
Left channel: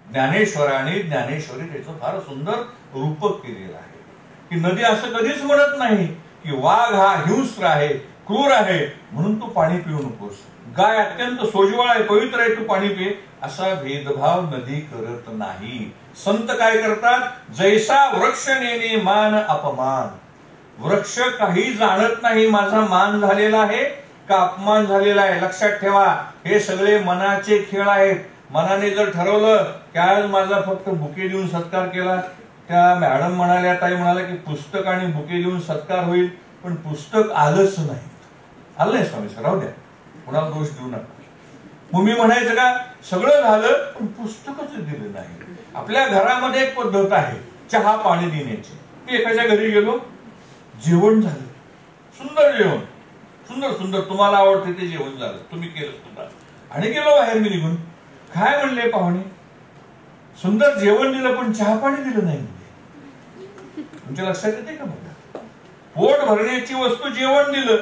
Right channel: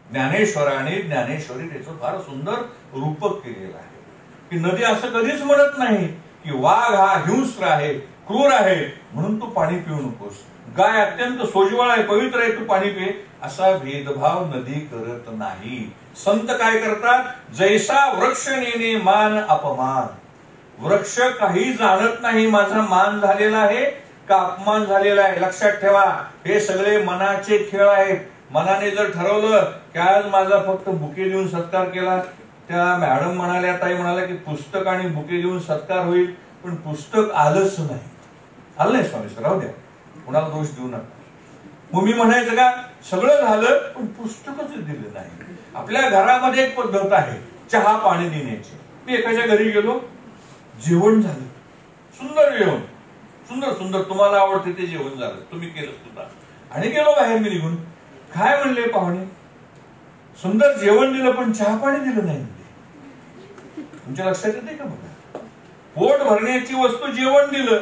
ज्ञानेश्वराने ज्ञानेश्वरी त्याचं फार सुंदर रूपक केलेलं आहे. की नदी असं कधीच म्हणत नाही की वाघ हा हिंस्र आहे, क्रूर आहे, म्हणून तू पाणी पिऊ नकोस. गाय अत्यंत सोज्वळ आहे, पवित्र आहे, तू पाणी पे, असा भेदभाव नदी करत नाही. संत काय करतात, जैसा वृक्ष नेणे मान अपमान. वृक्ष काही जाणत नाही माझा मान झालेला आहे का अपमान झालेला आहे. लक्षात ठेवा, हे सगळे मनाचे खेळ आहेत. मनाने जर ठरवलं की आज माझा फक्त बुके देऊन सत्कार केला, त्या मॅडम म्हणाल्या, ताई म्हणाल्या की पुस्तक आणि बुके देऊन सत्कार होईल, पण पुस्तक आलंच नाही. आलं नाही स्वामी सर, राहू द्या, कोणाला दोष देऊ नका. मग मी म्हणायचं का, सगळं झालं पण पुस्तकच दिलं नाही. आपल्या घरामध्ये एक पद्धत आहे चहा पाणी देण्याची. मी एखाद्या घरी गेलो, जेवण झालं, सुंदर जेवण, सुंदर सुंदर, तुम्हाला आवडते ते जेवण झालं, तुम्ही केलं सुद्धा, आणि गेलो बाहेर मी निघून. काय म्हणले पाहुणे, सुंदर जेवण दिलं पण चहा पाणी दिलं नाही म्हणजे. तुमच्या लक्षात येते का? बघा, पोट भरण्याची वस्तू जेवण दिलं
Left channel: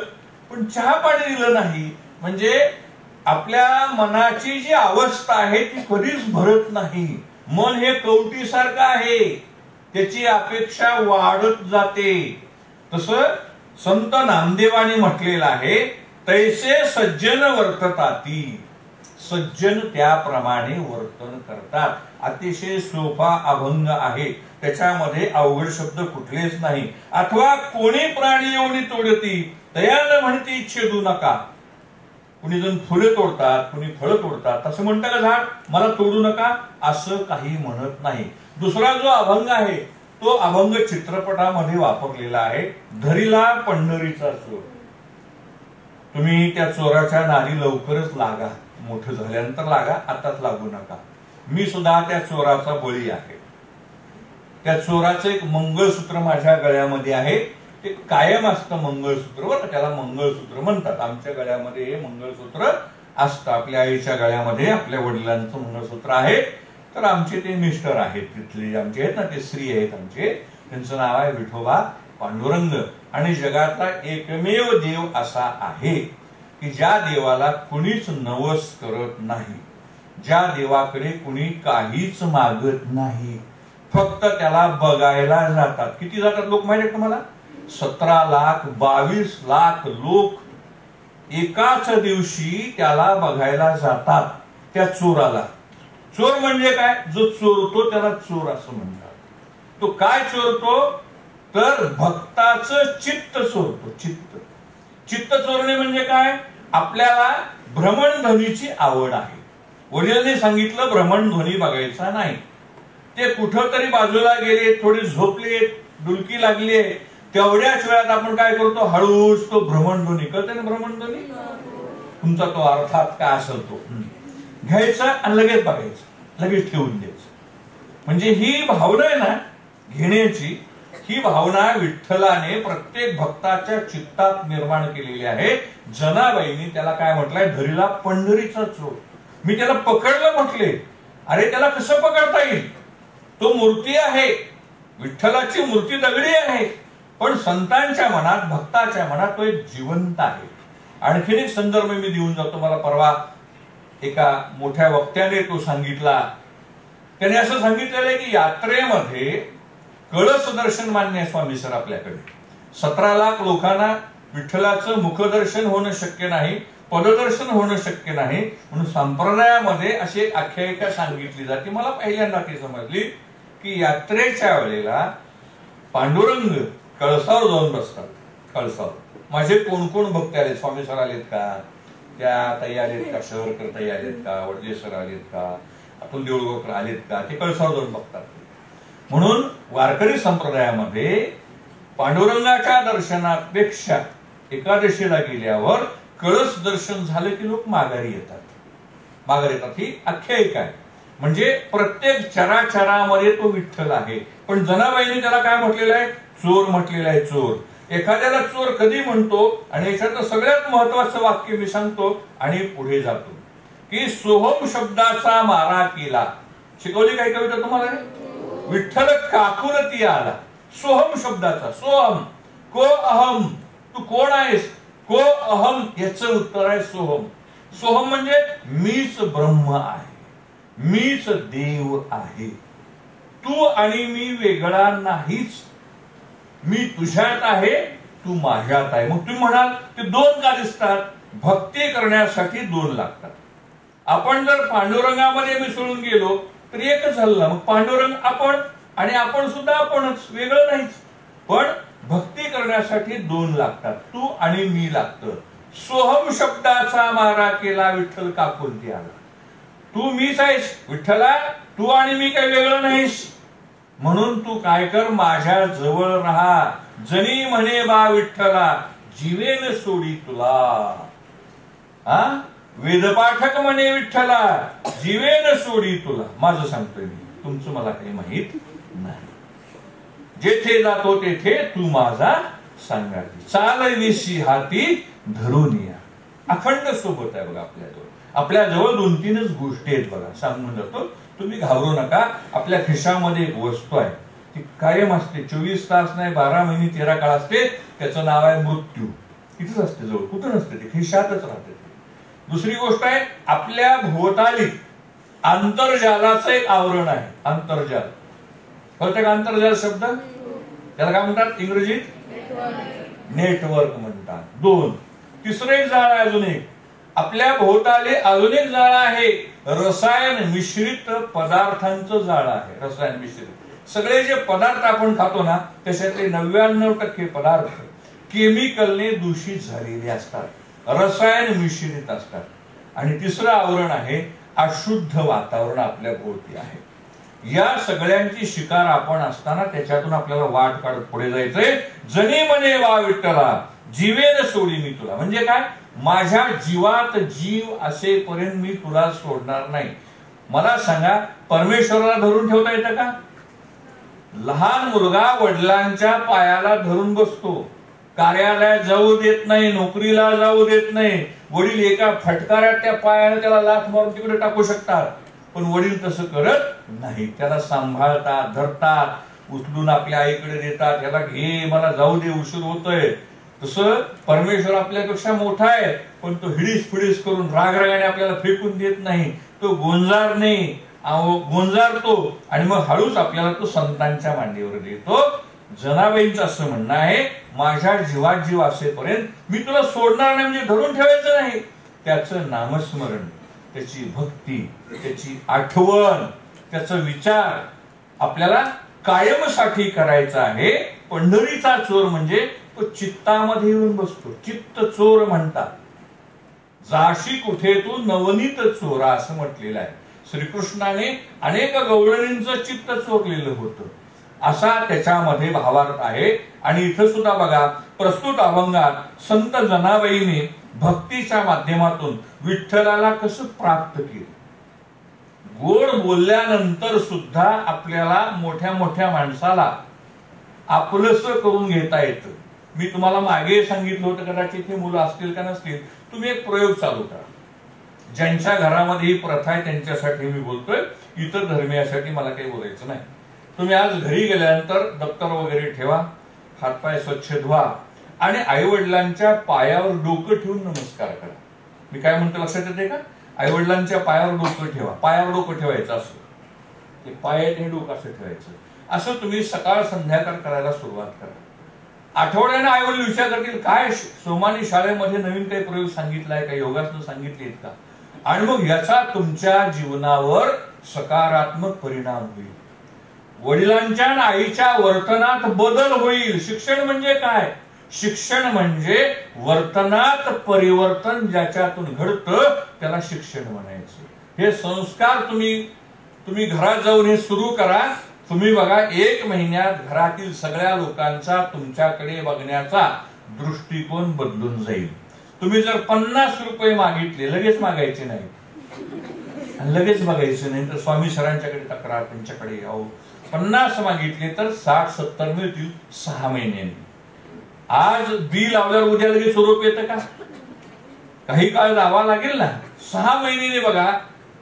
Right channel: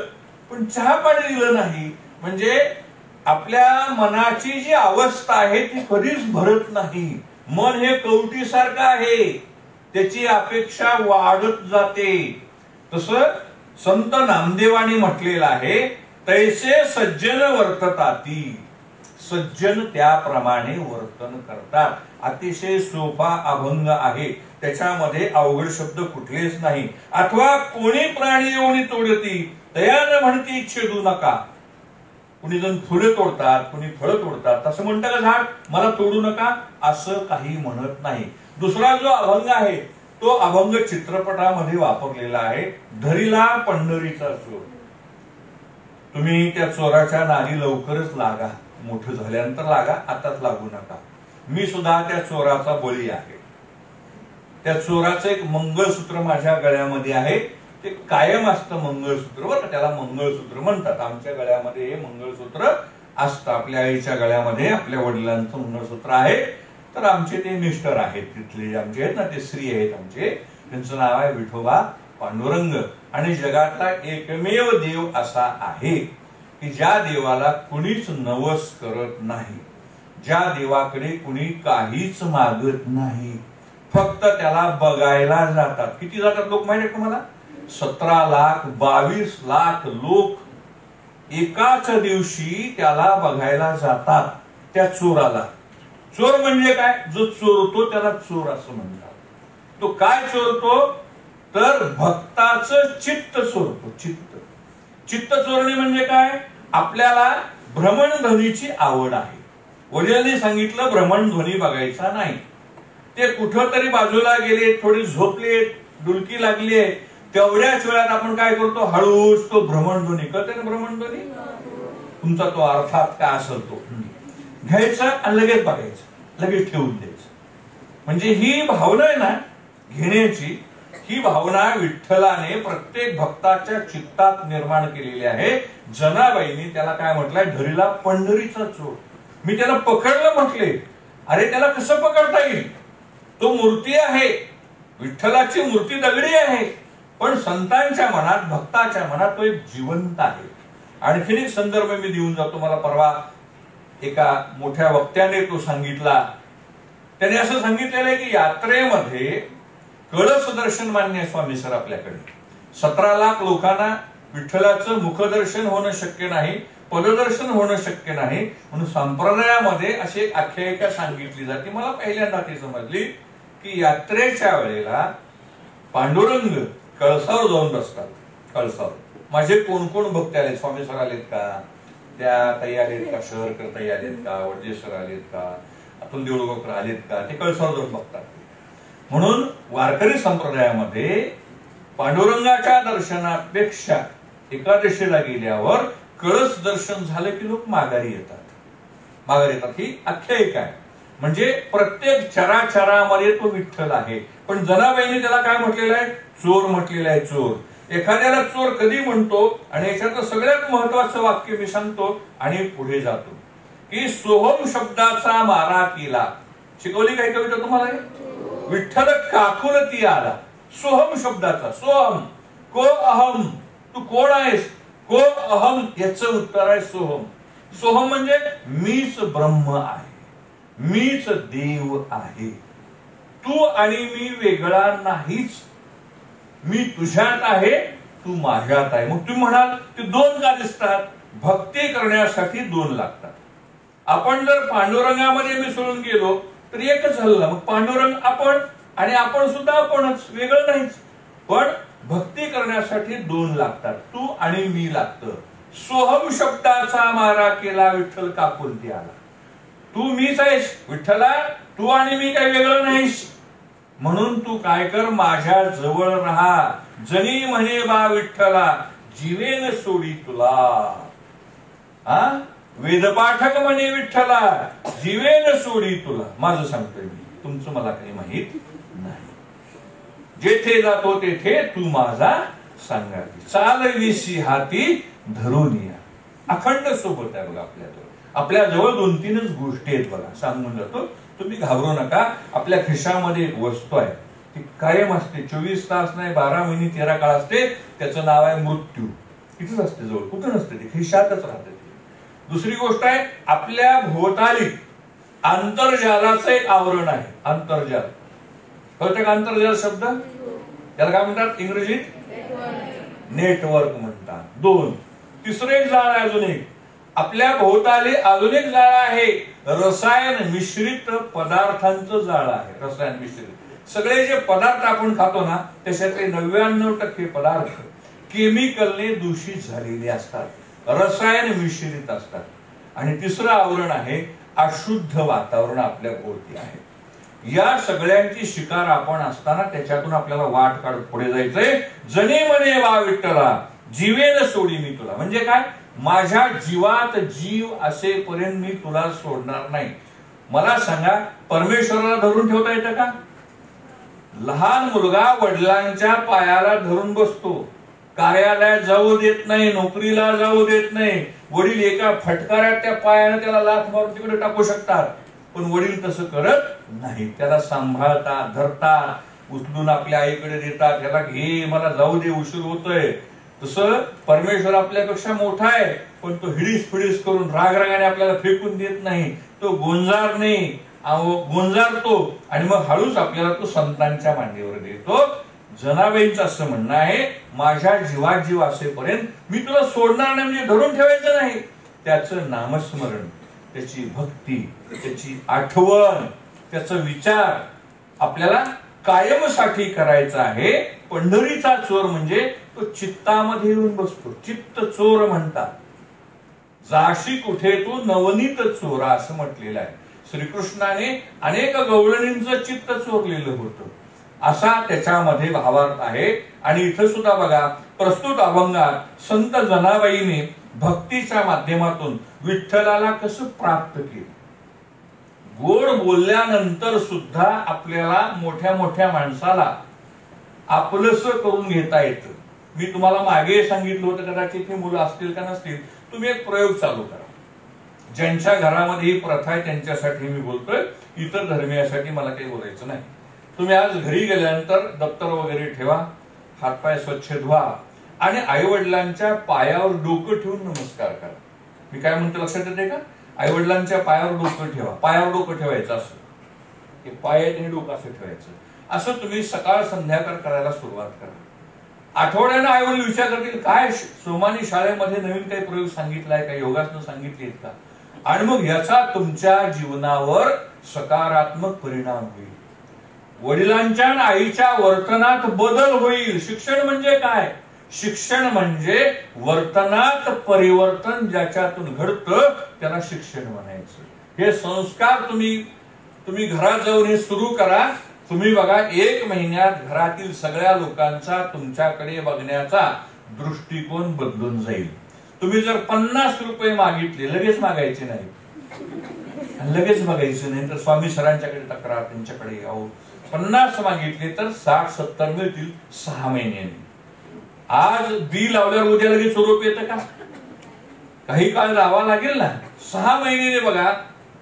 पण चहा पाणी दिलं नाही म्हणजे आपल्या मनाची जी अवस्था आहे ती कधीच भरत नाही. मन हे कवटीसारखं आहे, त्याची अपेक्षा वाढत जाते. तसं संत नामदेवानी म्हटलेलं आहे, तैसे सज्जन वर्तताती. सज्जन त्याप्रमाणे वर्तन करतात. अतिशय सोपा अभंग आहे, त्याच्यामध्ये अवघड शब्द कुठलेच नाही. अथवा कोणी प्राणी योनी तोडती दयानं म्हणती छेदू नका. कुणी जण फुले तोडतात, कुणी फळं तोडतात, तसं म्हणतं का झाड मला तोडू नका, असं काही म्हणत नाही. दुसरा जो अभंग आहे तो अभंग चित्रपटामध्ये वापरलेला आहे, धरीला पंढरीचा चोर. तुम्ही त्या चोराच्या नादी लवकरच लागा, मोठं झाल्यानंतर लागा, आताच लागू नका. मी सुद्धा त्या चोराचा बळी आहे. त्या चोराचं एक मंगळसूत्र माझ्या गळ्यामध्ये आहे, ते कायम असतं मंगळसूत्र, बरं, त्याला मंगळसूत्र म्हणतात. आमच्या गळ्यामध्ये हे मंगळसूत्र असतं. आपल्या आईच्या गळ्यामध्ये आपल्या वडिलांचं मंगळसूत्र आहे. तर आमचे ते मिस्टर आहेत, तिथले आमचे आहेत ना, ते श्री आहेत आमचे, त्यांचं नाव आहे विठोबा पांडुरंग. आणि जगातला एकमेव देव असा आहे की ज्या देवाला कुणीच नवस करत नाही, ज्या देवाकडे कुणी काहीच मागत नाही, फक्त त्याला बघायला जातात. किती जातात लोक माहिती आहे तुम्हाला? 17 लाख 22 लाख लोक एकाच दिवशी त्याला बघायला जातात, त्या चोराला. चोर म्हणजे काय? जो चोरतो त्याला चोर असं म्हणतात. तो काय चोरतो तर भक्ताचं चित्त चोरतो. चित्त चोरणे म्हणजे काय? आपल्याला भ्रमणध्वनीची आवड आहे, वडिलांनी सांगितलं भ्रमणध्वनी बघायचा नाही, ते कुठं तरी बाजूला गेले, थोडे झोपले, डुलकी लागली, तेवढ्याच वेळात आपण काय करतो, हळूच तो भ्रमणध्वनी, कळते ना भ्रमणध्वनी, तुमचा तो अर्थात काय असेल तो घ्यायचा आणि लगेच बघायचं, लगेच ठेवून द्यायचं. म्हणजे ही भावना आहे ना घेण्याची, ही भावना विठ्ठलाने प्रत्येक भक्ताच्या चित्तात निर्माण केलेली आहे. जनाबाईंनी त्याला काय म्हटलंय, धरीला पंढरीचा चोर. मी त्याला पकडलं म्हटले, अरे त्याला कसं पकडता येईल, तो मूर्ती आहे, विठ्ठलाची मूर्ती दगडी आहे, पण संतांच्या मनात, भक्ताच्या मनात तो एक जिवंत आहे. आणखीन एक संदर्भ मी देऊन जातो. मला परवा एका मोठ्या वक्त्याने तो सांगितला. त्याने असं सांगितलेलं आहे की यात्रेमध्ये कळस दर्शन मान्य आहे स्वामी सर आपल्याकडे. 17 लाख लोकांना विठ्ठलाचं मुखदर्शन होणं शक्य नाही, पददर्शन होणं शक्य नाही, म्हणून संप्रदायामध्ये अशी एक आख्यायिका सांगितली जाते. मला पहिल्यांदा ती समजली की यात्रेच्या वेळेला पांडुरंग कळसावर जाऊन बसतात. कळसावर माझे कोण कोण भक्त आले, स्वामी सर आलेत का, त्या ताई आलेत का, शहरकर ताई आलेत का, वडजे सर आलेत का, अतुल देऊळगावकर आलेत का, ते कळसावर जाऊन बघतात. म्हणून वारकरी संप्रदायामध्ये पांडुरंगाच्या दर्शनापेक्षा एकादशीला गेल्यावर कळस दर्शन झालं की लोक माघारी येतात. माघारी येतात ही आख्यायिका आहे. म्हणजे प्रत्येक चराचरामध्ये तो विठ्ठल आहे. पण जनाबाईंनी त्याला काय म्हटलेलं आहे, चोर म्हटलेलं आहे. चोर, एखाद्याला चोर कधी म्हणतो, आणि याच्यात सगळ्यात महत्वाचं वाक्य मी सांगतो आणि पुढे जातो की सोहम शब्दाचा मारा केला. शिकवली काय कविता तुम्हाला? विठ्ठल काकुरती आला सोहम शब्दाचा. सोहम, को अहम, तू कोण आहेस, को अहम याचं उत्तर आहे सोहम. सोहम म्हणजे मीच ब्रह्म आहे, मीच देव आहे, तू आणि मी वेगळा नाहीच, मी तुझ्यात आहे, तू माझ्यात आहे. मग तुम्ही म्हणाल ते दोन का दिसतात, भक्ती करण्यासाठी 2 लागतात. आपण जर पांडुरंगामध्ये मिसळून गेलो तर एकच झालं ना. मग पांडुरंग आपण आणि आपण सुद्धा आपणच, वेगळं नाहीच. पण भक्ती करण्यासाठी 2 लागतात, तू आणि मी लागतं. सोहम शब्दाचा मारा केला विठ्ठल काकुंती आला. तू मीच आहेस विठ्ठला, तू आणि मी काही वेगळं नाहीस. म्हणून तू काय कर, माझ्या जवळ राहा. जनी म्हणे बा विठ्ठला, जीवेन सोडी तुला. वेदपाठक म्हणे विठ्ठला, जीवेन सोडी तुला. माझं सांगतोय मी, तुमचं मला काही माहित नाही. जेथे जातो तेथे तू माझा सांगाती. चालविशी हाती धरून या. अखंड सोबत आहे बघा आपल्याजवळ. आपल्याजवळ 2-3च गोष्टी आहेत बघा, सांगून जातो. तुम्ही घाबरू नका. आपल्या खिशामध्ये एक वस्तू आहे, ती कायम असते. 24 तास नाही, 12 महिने 13 काळ असते. त्याचं नाव आहे मृत्यू. इथेच असते जवळ, कुठं नसते ते, खिशातच राहते. दुसरी गोष्ट आहे, आपल्या भोवताली आंतरजालाचं एक आवरण आहे. आंतरजाल कळतं का? आंतरजाल शब्द त्याला काय म्हणतात इंग्रजीत? नेटवर्क म्हणतात. 2. तिसरं एक जाळ आहे, अजून एक. आपल्या भोवताली अजून एक जाळ आहे, रसायन मिश्रित पदार्थांचं जाळ आहे. रसायन मिश्रित सगळे जे पदार्थ आपण खातो ना, त्याच्यातले 99% पदार्थ केमिकलने दूषित झालेले असतात, रसायन मिश्रित असतात. आणि तिसरं आवरण आहे अशुद्ध वातावरण आपल्या भोवती आहे. या सगळ्यांची शिकार आपण असताना त्याच्यातून आपल्याला वाट काढत पुढे जायचंय. जनी म्हणे वा विठ्ठला, जीवेन सोडी मी तुला. म्हणजे काय? माझ्या जीवात जीव असेपर्यंत मी तुला सोडणार नाही. मला सांगा, परमेश्वराला धरून ठेवता येतं का? लहान मुलगा वडिलांच्या पायाला धरून बसतो, कार्यालयात जाऊ देत नाही, नोकरीला जाऊ देत नाही. वडील एका फटकाऱ्यात त्या पायाने त्याला लाथ मारून तिकडे टाकू शकतात, पण वडील तसं करत नाही. त्याला सांभाळतात, धरतात, उचलून आपल्या आईकडे देतात. त्याला घे, मला जाऊ दे, उशीर होतोय. तसं परमेश्वर आपल्यापेक्षा मोठा आहे, पण तो हिडीस फिडीस करून रागरागाने आपल्याला फेकून देत नाही. तो गोंजारतो आणि मग हळूच आपल्याला तो संतांच्या मांडीवर देतो. जनाबाईंचं असं म्हणणं आहे, माझ्या जीवात जीव असेपर्यंत मी तुला सोडणार नाही. म्हणजे धरून ठेवायचं नाही. त्याचं नामस्मरण, त्याची भक्ती, त्याची आठवण, त्याचा विचार आपल्याला कायमसाठी करायचा आहे. पंढरीचा चोर म्हणजे तो चित्तामध्ये येऊन बसतो. चित्त चोर म्हणतात. जाशी कुठे तू नवनीत चोरा असं म्हटलेलं आहे. श्रीकृष्णाने अनेक गवळणींचं चित्त चोरलेलं होतं, असा त्याच्यामध्ये भावार्थ आहे. आणि इथं सुद्धा बघा, प्रस्तुत अभंगात संत जनाबाईने भक्तीच्या माध्यमातून विठ्ठलाला कसं प्राप्त केलं. गोड बोलल्यानंतर सुद्धा आपल्याला मोठ्या मोठ्या माणसाला आपलंसं करून घेता येतं. मी तुम्हाला मागे सांगितलं होतं, कदाचित ही मुलं असतील का नसतील, तुम्ही एक प्रयोग चालू करा. ज्यांच्या घरामध्ये ही प्रथा आहे त्यांच्यासाठी मी बोलतोय, इतर धर्मियासाठी मला काही बोलायचं नाही. तुम्ही आज घरी गेल्यानंतर दप्तर वगैरे ठेवा, हातपाय स्वच्छ धुवा आणि आई वडिलांच्या पायावर डोकं ठेवून नमस्कार करा. मी काय म्हणतो लक्षात येते का? आई वडिलांच्या पायावर डोकं ठेवा. पायावर डोकं ठेवायचं असं, ते पायाने डोकं असं ठेवायचं. असं तुम्ही सकाळ संध्याकाळ करायला सुरुवात करा. आठवड्याने आई वडील विचार करतील, काय सोमानी शाळेमध्ये नवीन काही प्रयोग सांगितलाय का, योगासनं सांगितलीत का? आणि मग याचा तुमच्या जीवनावर सकारात्मक परिणाम होईल. वडिलांच्या आणि आईच्या वर्तनात बदल होईल. शिक्षण म्हणजे काय? शिक्षण म्हणजे वर्तनात परिवर्तन ज्याच्यातून घडतं त्याला शिक्षण म्हणायचं. हे संस्कार तुम्ही घरात जाऊन हे सुरू करा. तुम्ही बघा, 1 महिन्यात घरातील सगळ्या लोकांचा तुमच्याकडे बघण्याचा दृष्टिकोन बदलून जाईल. तुम्ही जर 50 रुपये मागितले, लगेच मागायचे नाही, लगेच बघायचं नाही, तर स्वामी सरांच्याकडे तक्रार, त्यांच्याकडे यावं. 50 मागितले तर 60-70 मिळतील 6 महिन्यांनी. आज बी लावल्यावर उद्या लगेच स्वरूप येतं का? काही काळ लावा लागेल ना. 6 महिन्याने बघा,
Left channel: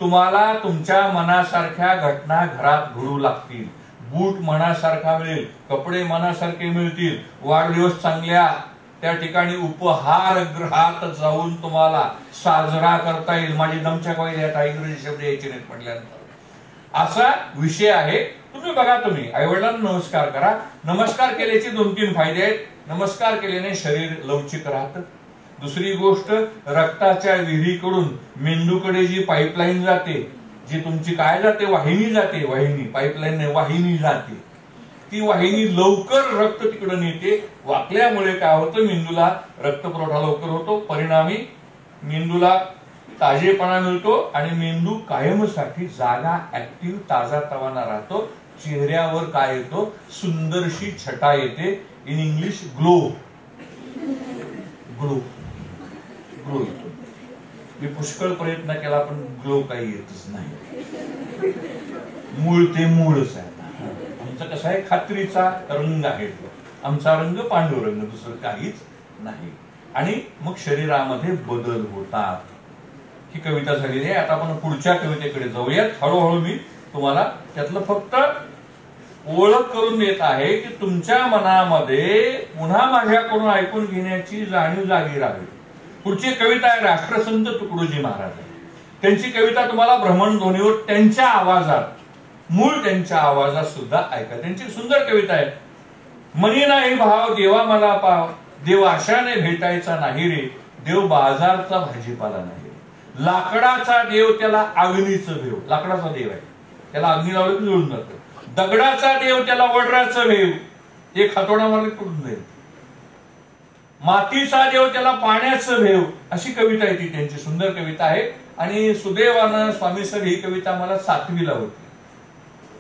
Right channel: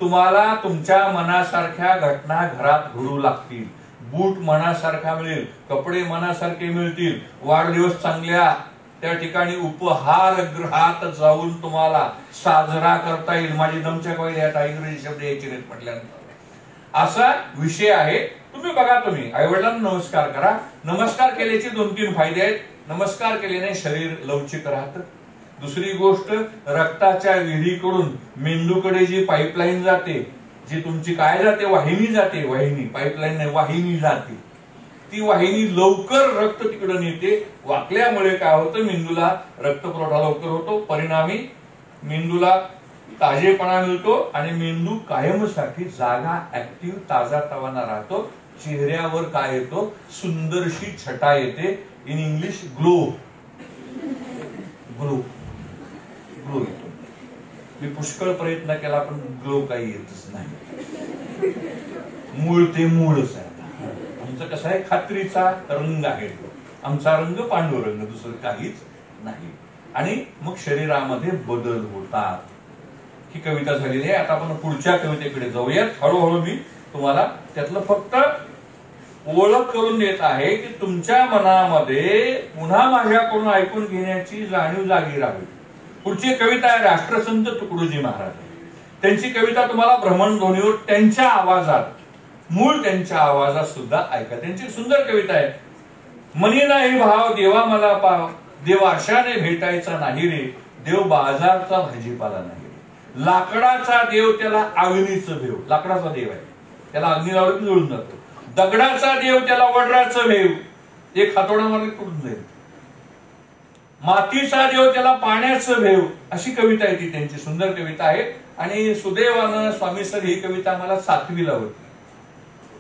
तुम्हाला तुमच्या मनासारख्या घटना घरात घडू लागतील. बूट मनासारखा मिळेल, कपडे मनासारखे मिळतील, वाढदिवस चांगल्या त्या ठिकाणी उपहारगृहात जाऊन तुम्हाला साजरा करता येईल. माझी दमच्या आता इंग्रजी शब्द यायचे नाहीत म्हटल्यानंतर असा विषय आहे. तुम्ही बघा, तुम्ही आई वडिलांना नमस्कार करा. नमस्कार केल्याचे 2-3 फायदे आहेत. नमस्कार केल्याने शरीर लवचिक राहतं, दुसरी गोष्ट, रक्ताच्या विहिरीकडून मेंदूकडे जी पाईपलाईन जाते, जी तुमची काय जाते, वाहिनी जाते, वाहिनी, पाईपलाईन नाही, वाहिनी जाते, ती वाहिनी लवकर रक्त तिकडे नेते. वाकल्यामुळे काय होतं, मेंदूला रक्तपुरवठा लवकर होतो, परिणामी मेंदूला ताजेपणा मिळतो आणि मेंदू कायमसाठी जागा, ऍक्टिव्ह, ताजा तवाना राहतो. चेहऱ्यावर काय येतो, सुंदरशी छटा येते. In English glow, glow, glow येतो. मी पुष्कळ प्रयत्न केला पण ग्लो काही येतच नाही. मूळ ते मूळच आहे. आमचं कसं आहे, खात्रीचा रंग आहे, आमचा रंग पांडुरंग, दुसरं काहीच नाही. आणि मग शरीरामध्ये बदल होतात. ही कविता झालेली आहे. आता आपण पुढच्या कवितेकडे जाऊयात. हळूहळू मी तुम्हाला त्यातलं फक्त ओळख करून देत आहे की तुमच्या मनामध्ये पुन्हा माझ्याकडून ऐकून घेण्याची जाणीव जागी राहावी. पुढची कविता आहे राष्ट्रसंत तुकडोजी महाराज. त्यांची कविता तुम्हाला भ्रमणध्वनीवर त्यांच्या आवाजात, मूळ त्यांच्या आवाजात सुद्धा ऐका. त्यांची सुंदर कविता आहे. मनी नाही भाव देवा मला पाव, देव आशाने भेटायचा नाही रे, देव बाजारचा भाजीपाला नाही रे. लाकडाचा देव त्याला अग्नीचं देव, लाकडाचा देव आहे, त्याला अग्नी लावलं की जुळून जातो. दगडाचा देव त्याला वड्राचं भेव, एक हातोडा मारला कुठून जाईल. मातीचा देव त्याला पाण्याचं भेव. अशी कविता आहे ती त्यांची, सुंदर कविता आहे. आणि सुदैवानं स्वामी सर ही कविता आम्हाला 7वीला होती.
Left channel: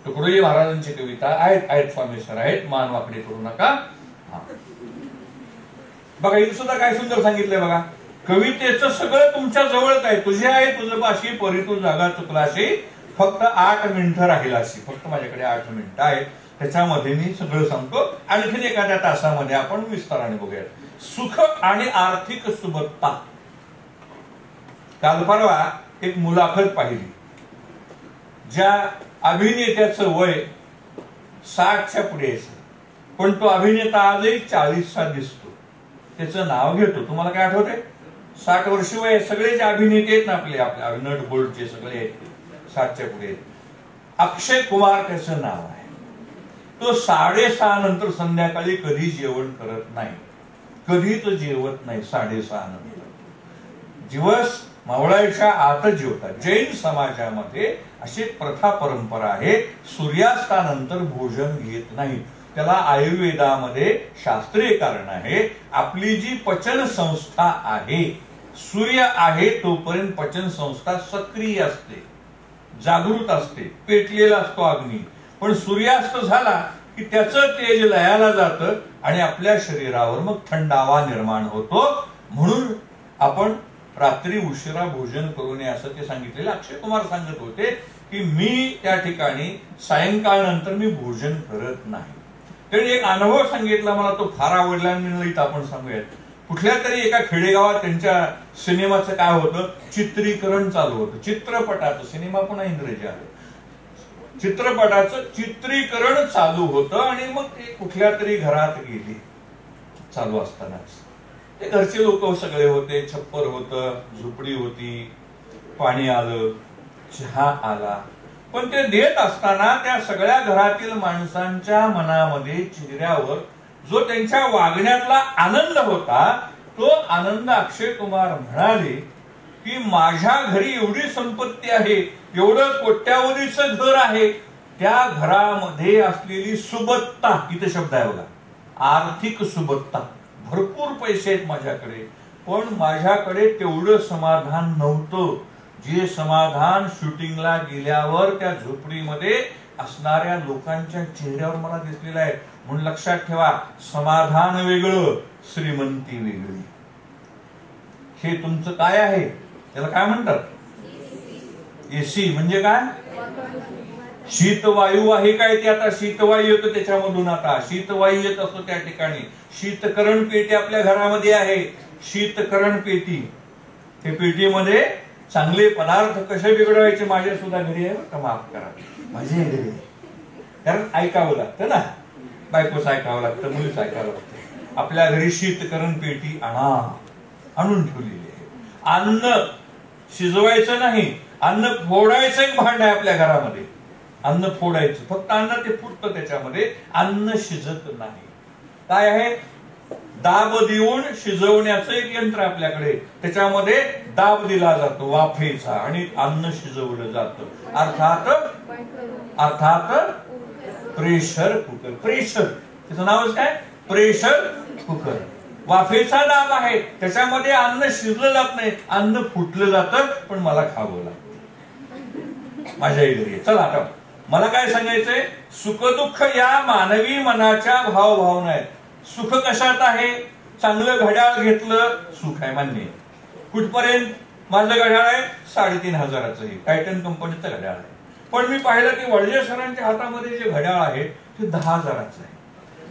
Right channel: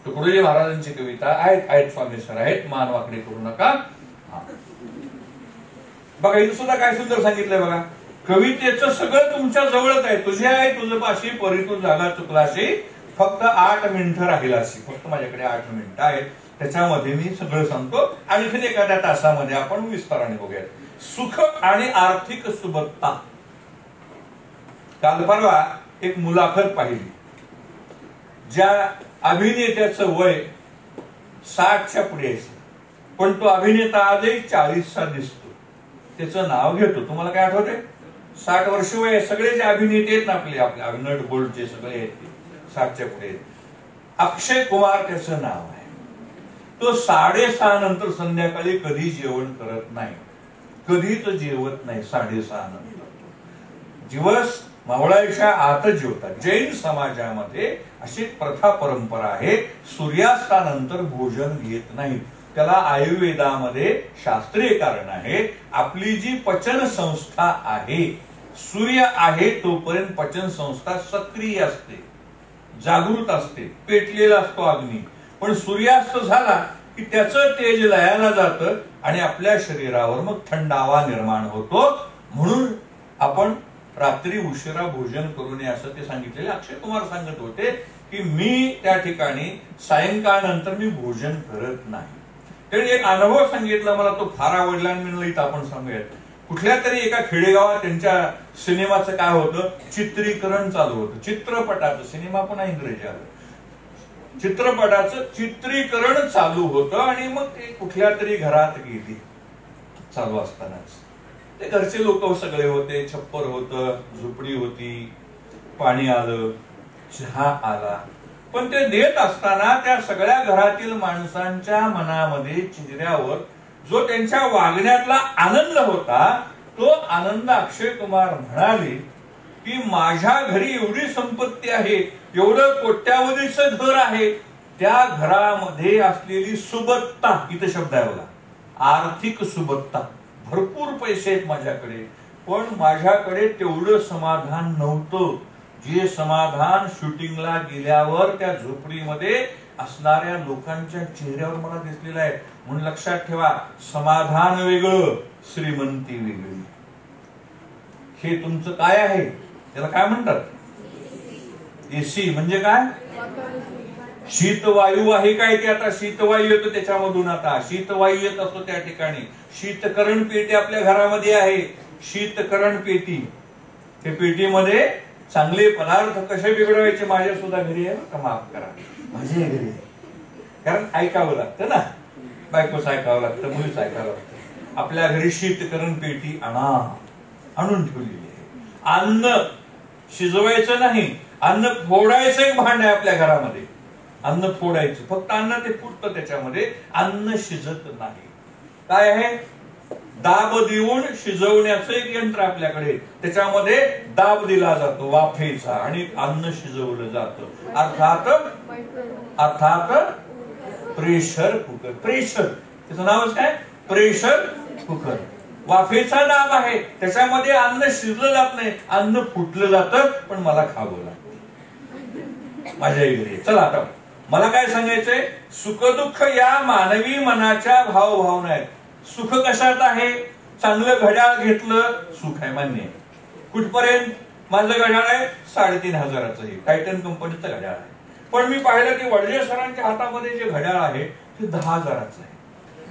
तुकडोजी महाराजांची कविता आहेत स्वामी सर आहेत, मान वाकडे करू नका. बघा इथं सुद्धा काय सुंदर सांगितलंय बघा. कवितेचं सगळं तुमच्या जवळच आहे. तुझे आहे तुझं पाशी, परी तू जागा चुकलाशी, फक्त 8 मिनिटं राहिलाशी. फक्त माझ्याकडे 8 मिनिटं आहेत, त्याच्यामध्ये मी सगळं सांगतो. आणखीन एखाद्या तासामध्ये आपण विस्ताराने बघूया. सुख आणि आर्थिक सुबत्ता. काल परवा एक मुलाखत पाहिली, ज्या अभिनेत्याचं वय 60च्या पुढे आहे, पण तो अभिनेता आजही 40चा दिसतो. त्याचं नाव घेतो. तुम्हाला काय आठवते? 60 वर्ष वय. सगळे जे अभिनेते आहेत ना आपले नट बोल्टचे सगळे आहेत 60च्या पुढे. अक्षय कुमार त्याचं नाव आहे. तो 6:30 नंतर संध्याकाळी कधी जेवण करत नाही, कधीच जेवत नाही. 6:30 नंतर दिवस मावळायच्या आतच जेवतात. जैन समाजामध्ये अशी प्रथा परंपरा आहे, सूर्यास्तानंतर भोजन घेत नाही. त्याला आयुर्वेदामध्ये शास्त्रीय कारण आहे. आपली जी पचन संस्था आहे, सूर्य आहे तोपर्यंत पचन संस्था सक्रिय असते, जागृत असते, पेटलेला असतो अग्नी. पण सूर्यास्त झाला की त्याचं तेज लयाला जातं आणि आपल्या शरीरावर मग थंडावा निर्माण होतो. म्हणून आपण रात्री उशिरा भोजन करू नये असं ते सांगितलेले. अक्षय कुमार सांगत होते की मी त्या ठिकाणी सायंकाळ नंतर मी भोजन करत नाही. त्यांनी एक अनुभव सांगितला मला, तो फार आवडला आणि मी इथं आपण सांगूयात. कुठल्या तरी एका खेडेगावात त्यांच्या सिनेमाचं काय होतं, चित्रीकरण चालू होतं. चित्रपटाचं, सिनेमा पण इंग्रजी आलं, चित्रपटाचं चित्रीकरण चालू होतं. आणि मग ते कुठल्या तरी घरात गेली. चालू असतानाच ते घरचे लोक सगळे होते, छप्पर होतं, झोपडी होती, पाणी आलं, चहा आला. पण ते देत असताना त्या सगळ्या घरातील माणसांच्या मनामध्ये, चेहऱ्यावर जो त्यांच्या वागण्यातला आनंद होता, तो आनंद अक्षय कुमार म्हणाले की माझ्या घरी एवढी संपत्ती आहे, एवढं कोट्यावधीचं घर आहे, त्या घरामध्ये असलेली सुबत्ता, इथं शब्द आहे बघा, आर्थिक सुबत्ता, भरपूर पैसे आहेत माझ्याकडे, पण माझ्याकडे तेवढं समाधान नव्हतं जे समाधान शूटिंगला गेल्यावर त्या झोपडीमध्ये असणाऱ्या लोकांच्या चेहऱ्यावर मला दिसलेलं आहे. म्हणून लक्षात ठेवा, समाधान वेगळं, श्रीमंती वेगळी. हे तुमचं काय आहे, त्याला काय म्हणतात? एसी. म्हणजे काय? शीतवायू आहे काय ते? आता शीतवायू येतो त्याच्यामधून, आता शीतवायू येत असतो त्या ठिकाणी. शीतकरण पेटी आपल्या घरामध्ये आहे, शीतकरण पेटी. त्या पेटीमध्ये चांगले पदार्थ कसे बिघडवायचे, माझ्या सुद्धा घरी आहे का, माफ करा, माझे घरी आहे. कारण ऐकावं लागतं ना, बायकोच ऐकावं लागतं, मुलीच ऐकावं लागतं. आपल्या घरी शीतकरण पेटी आणून ठेवलेली आहे. अन्न शिजवायचं नाही, अन्न फोडायचं एक भांड आहे आपल्या घरामध्ये. अन्न फोडायचं, फक्त अन्न ते फुटतं त्याच्यामध्ये, अन्न शिजत नाही. काय आहे? दाब देऊन शिजवण्याचं एक यंत्र आपल्याकडे, त्याच्यामध्ये दाब दिला जातो वाफेचा आणि अन्न शिजवलं जातं. अर्थात प्रेशर कुकर. प्रेशर त्याचं नावच काय? Pressure cooker. वाफेचा दाब आहे, त्याच्यामध्ये अन्न शिजलं जात नाही, अन्न फुटलं जातं, पण मला खावं लागतं. माझ्या घरी चला आता मला काय सांगायचंय, सुखदुःख या मानवी मनाच्या भावभावना आहेत. सुख कशात आहे? चांगलं घड्याळ घेतलं, सुख आहे, मान्य आहे. कुठपर्यंत? माझं घड्याळ आहे 3,500 हे टायटन कंपनीचं घड्याळ आहे, पण मी पाहिलं की वडजे सरांच्या हातामध्ये जे घड्याळ आहे ते 10,000चं आहे.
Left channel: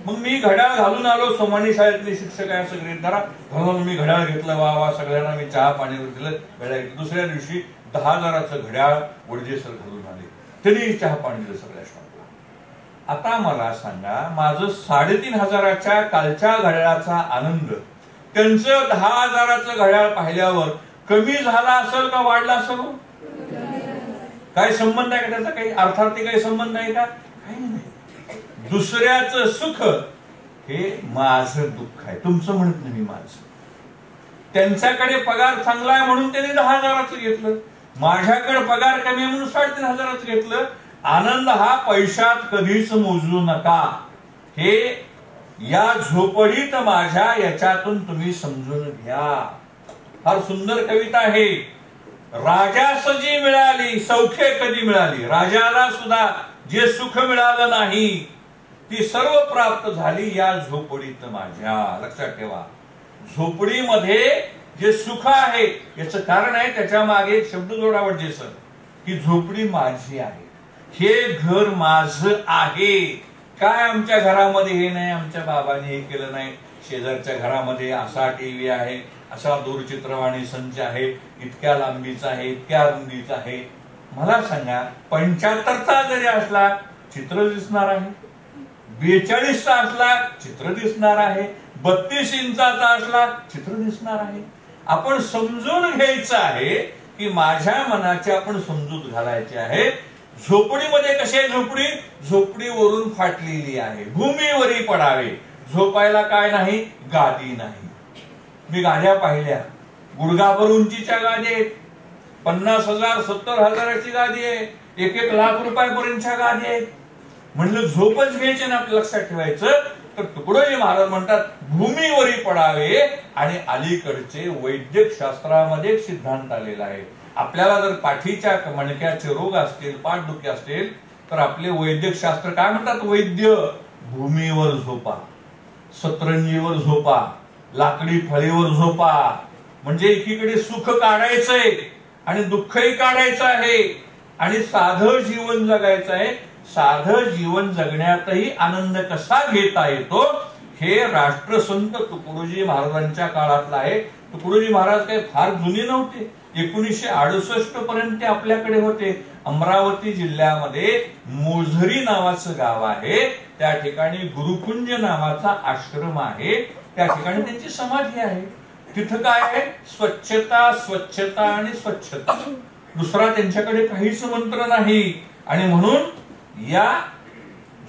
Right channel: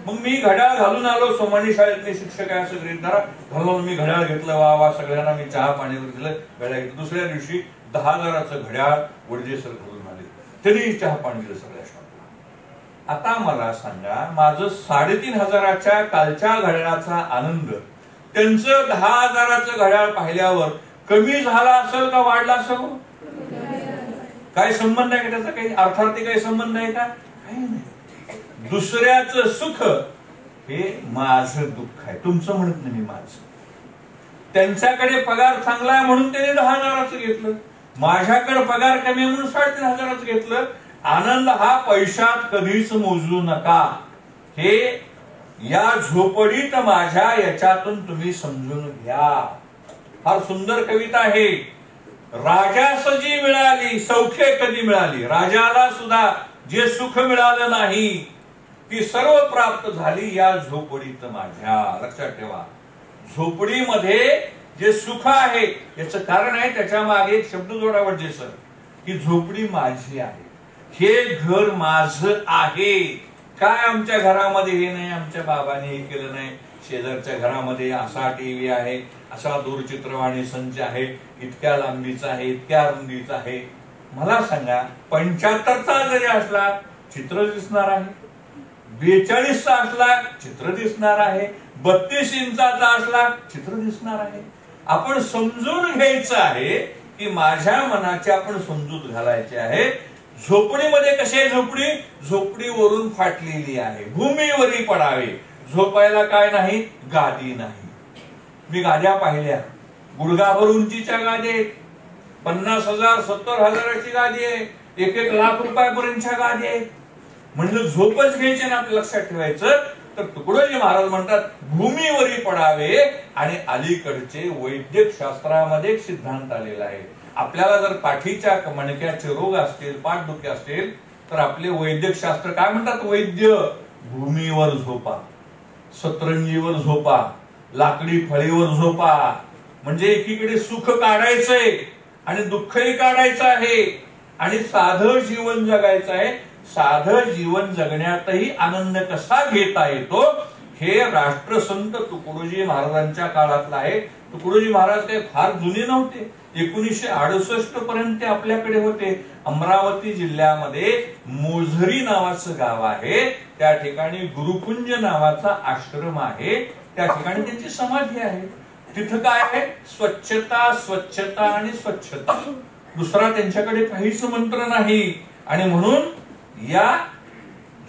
मग मी घड्याळ घालून आलो, सोमानी शाळेतले शिक्षक आहे असं गृहीत धरा, घालून मी घड्याळ घेतलं, वा सगळ्यांना मी चहा पाणीवर दिलं, घड्याळ घेतलं. दुसऱ्या दिवशी 10,000चं घड्याळ वडजे सर घालून आले, तरी चहा पाणी दिलं सगळ्या शाळेत. आता मला सांगा, माझं 3,500च्या कालच्या घड्याळाचा आनंद त्यांचं 10,000चं घड्याळ पाहिल्यावर कमी झाला असेल का वाढला असेल? काय संबंध आहे का त्याचा? काही अर्थार्थी काही संबंध आहे का? काही नाही. दुसऱ्याचं सुख हे माझं दुःख आहे, तुमचं म्हणत नाही माझं. त्यांच्याकडे पगार चांगला आहे म्हणून त्याने 10,000चं घेतलं, माझ्याकडे पगार कमी आहे म्हणून 3,500चं घेतलं. आनंद हा पैशात कधीच मोजू नका, हे या झोपडीत माझ्या याच्यातून तुम्ही समजून घ्या. फार सुंदर कविता आहे. राजास जी मिळाली सौख्य कधी मिळाली, राजाला सुद्धा जे सुख मिळालं नाही ती सर्व प्राप्त झाली या झोपडीत माझ्या. लक्षात ठेवा, झोपडीमध्ये जे सुख आहे याचं कारण आहे, त्याच्या मागे एक शब्द जोडावं जे सर, की झोपडी माझी आहे, हे घर माझं आहे. काय आमच्या घरामध्ये हे नाही, आमच्या बाबाने हे केलं नाही, शेजारच्या घरामध्ये असा टीव्ही आहे, असा दूरचित्रवाणी संच आहे, इतक्या लांबीचा आहे, इतक्या रुंदीचा आहे. मला सांगा, 75चा जरी असला चित्र दिसणार आहे, 42चा असला चित्र दिसणार आहे, 32 इंचाचा असला चित्र दिसणार आहे. आपण समजून घ्यायचं आहे की माझ्या मनाची आपण समजूत घालायची आहे. झोपडीमध्ये कशी आहे झोपडी? झोपडीवरून फाटलेली आहे, भूमीवरी पडावे. झोपायला काय नाही? गादी नाही. मी गाद्या पाहिल्या, गुडघाभर उंचीच्या गाद्या आहेत, 50,000 70,000ची गादी आहे, 1-1 लाख रुपयापर्यंतच्या गादी आहेत. म्हणजे झोपच घ्यायची ना, आपलं लक्षात ठेवायचं. तर तुकडोजी महाराज म्हणतात भूमीवरी पडावे. आणि अलीकडचे वैद्यक शास्त्रामध्ये एक सिद्धांत आलेला आहे. आपल्याला जर पाठीच्या मणक्याचे रोग असतील, पाठदुखी असतील, तर आपले वैद्यक शास्त्र काय म्हणतात? वैद्य भूमीवर झोपा, सतरंजीवर झोपा, लाकडी फळीवर झोपा. म्हणजे एकीकडे सुख काढायचंय आणि दुःखही काढायचं आहे आणि साधं जीवन जगायचं आहे. साधं जीवन जगण्यातही आनंद कसा घेता येतो हे राष्ट्रसंत तुकडोजी महाराजांच्या काळातलं आहे. तुकडोजी महाराज काही फार जुने नव्हते, 1968 पर्यंत आपल्याकडे होते. अमरावती जिल्ह्यामध्ये मोझरी नावाचं गाव आहे, त्या ठिकाणी गुरुकुंज नावाचा आश्रम आहे, त्या ठिकाणी त्यांची समाधी आहे. तिथं काय आहे? स्वच्छता, स्वच्छता आणि स्वच्छता. दुसरा त्यांच्याकडे काहीच मंत्र नाही. आणि म्हणून या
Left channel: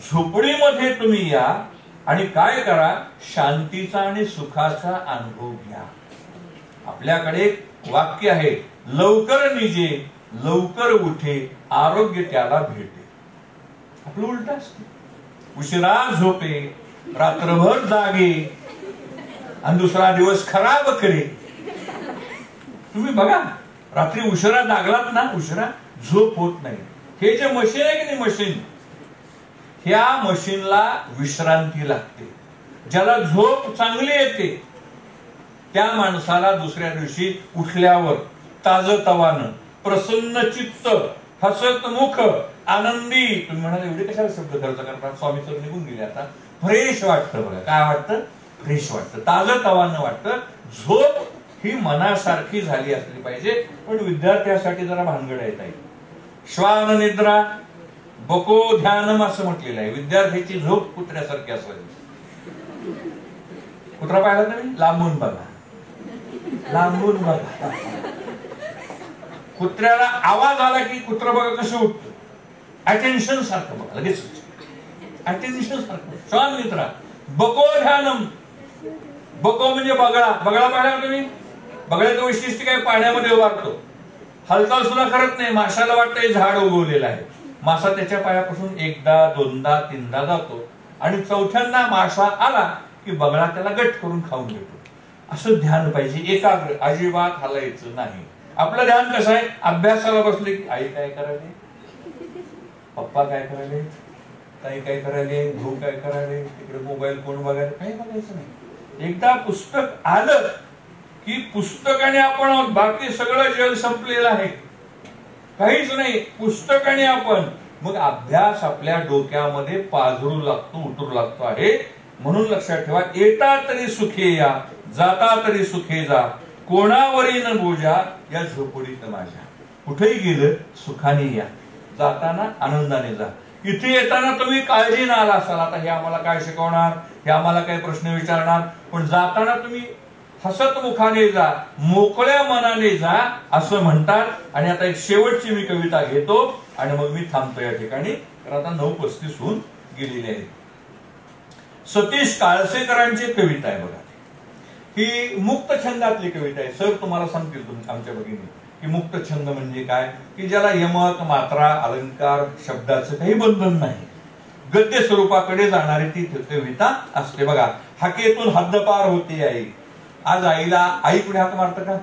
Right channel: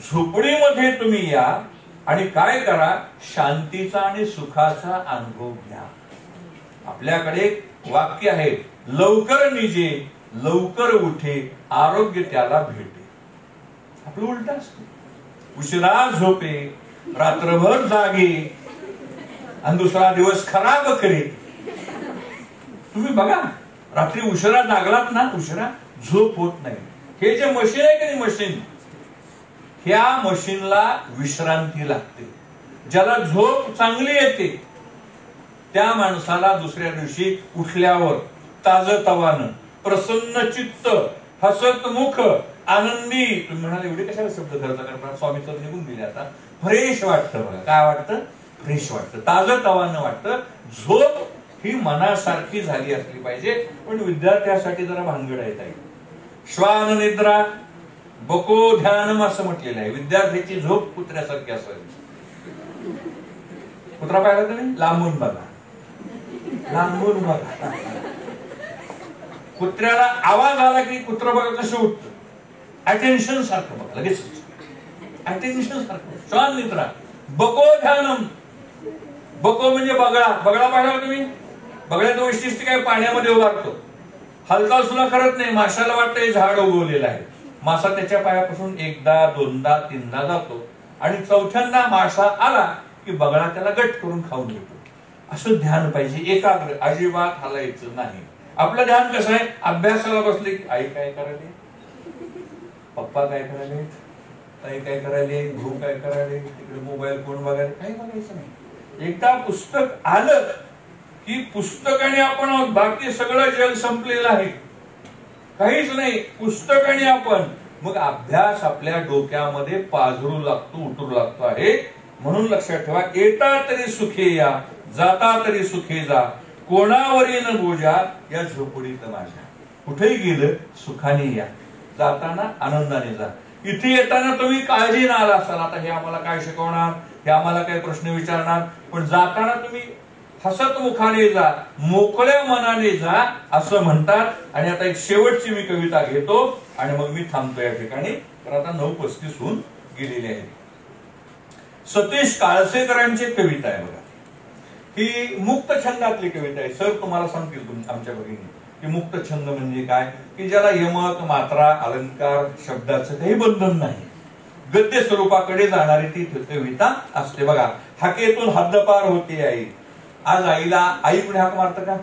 झोपडीमध्ये तुम्ही या आणि काय करा? शांतीचा आणि सुखाचा अनुभव घ्या. आपल्याकडे एक वाक्य आहे, लवकर निजे लवकर उठे आरोग्य त्याला भेटे. आपलं उलट असते, उशिरा झोपे रात्रभर जागे आणि दुसरा दिवस खराब करे. तुम्ही बघा, रात्री उशिरा जागलात ना, उशिरा झोप होत नाही. हे जे मशीन आहे की नाही, मशीन, ह्या मशीनला विश्रांती लागते. ज्याला झोप चांगली येते त्या माणसाला दुसऱ्या दिवशी उठल्यावर ताजतवानं, प्रसन्न चित्त, हसत मुख, आनंदी. तुम्ही म्हणाल एवढे कशाला शब्द खर्च करतात? स्वामी सर निघून गेले आता. फ्रेश वाटतं. बघा काय वाटतं? फ्रेश वाटतं, ताजतवानं वाटतं. झोप ही मनासारखी झाली असली पाहिजे. पण विद्यार्थ्यासाठी जरा भानगड येत आहे. श्वान निद्रा बको ध्यानम असं म्हटलेलं आहे. विद्यार्थ्याची झोप कुत्र्यासारखी असावी. कुत्रा पाहिला तुम्ही? लांबून बघा, लांबून बघा. कुत्र्याला आवाज आला की कुत्र बघा कसं उठतं, अटेन्शन सारखं बघा, लगेच अटेन्शन सारखं. श्वान निद्रा बको ध्यानम, बको म्हणजे बगळा. बगळा पाहिला तुम्ही? बगळ्याचं वैशिष्ट्य काय? पाण्यामध्ये उभारतो, हालचाल सुद्धा करत नाही. माशाला वाटतं झाड उगवलेलं आहे. मासा त्याच्या पायापासून एकदा दोनदा तीनदा जातो आणि चौथ्यांदा मासा आला की बगळा त्याला गट करून खाऊन घेतो. असं ध्यान पाहिजे, एकाग्र, अजिबात हलायचं नाही. आपलं ध्यान कसं आहे? अभ्यासाला बसले की आई काय करायले, पप्पा काय करायले, ताई काय करायले, भाऊ काय करायले, तिकडे मोबाईल कोण बघायला, काही बघायचं नाही. एकदा पुस्तक आलं की पुस्तकाने आपण, बाकी सगळं जग संपलेलं आहे, काहीच नाही, पुस्तकाने आपण. मग अभ्यास आपल्या डोक्यामध्ये पाझरू लागतो, उतरू लागतो आहे. म्हणून लक्षात ठेवा, येता तरी सुखे या, जाता तरी सुखे जा, कोणावरी न बोजा या झोपडीत माझ्या. कुठेही गेलं सुखाने या, जाताना आनंदाने जा. इथे येताना तुम्ही काळजी न आला असाल, आता हे आम्हाला काय शिकवणार, हे आम्हाला काय प्रश्न विचारणार, पण जाताना तुम्ही हसत मुखाने जा, मोकळ्या मनाने जा असं म्हणतात. आणि आता एक शेवटची मी कविता घेतो आणि मग मी थांबतो या ठिकाणी, तर आता 9:35 होऊन गेलेली आहे. सतीश काळसेकरांची कविता आहे बघा. ही मुक्त छंदातली कविता आहे. सर तुम्हाला सांगतील आमच्या भगिनी की मुक्त छंद म्हणजे काय, की ज्याला यमक, मात्रा, अलंकार, शब्दाचं काही बंधन नाही, गद्य स्वरूपाकडे जाणारी ती कविता असते बघा. हाकेतून हद्दपार होते आई. आज आईला आई पुढे हाक मारतं का?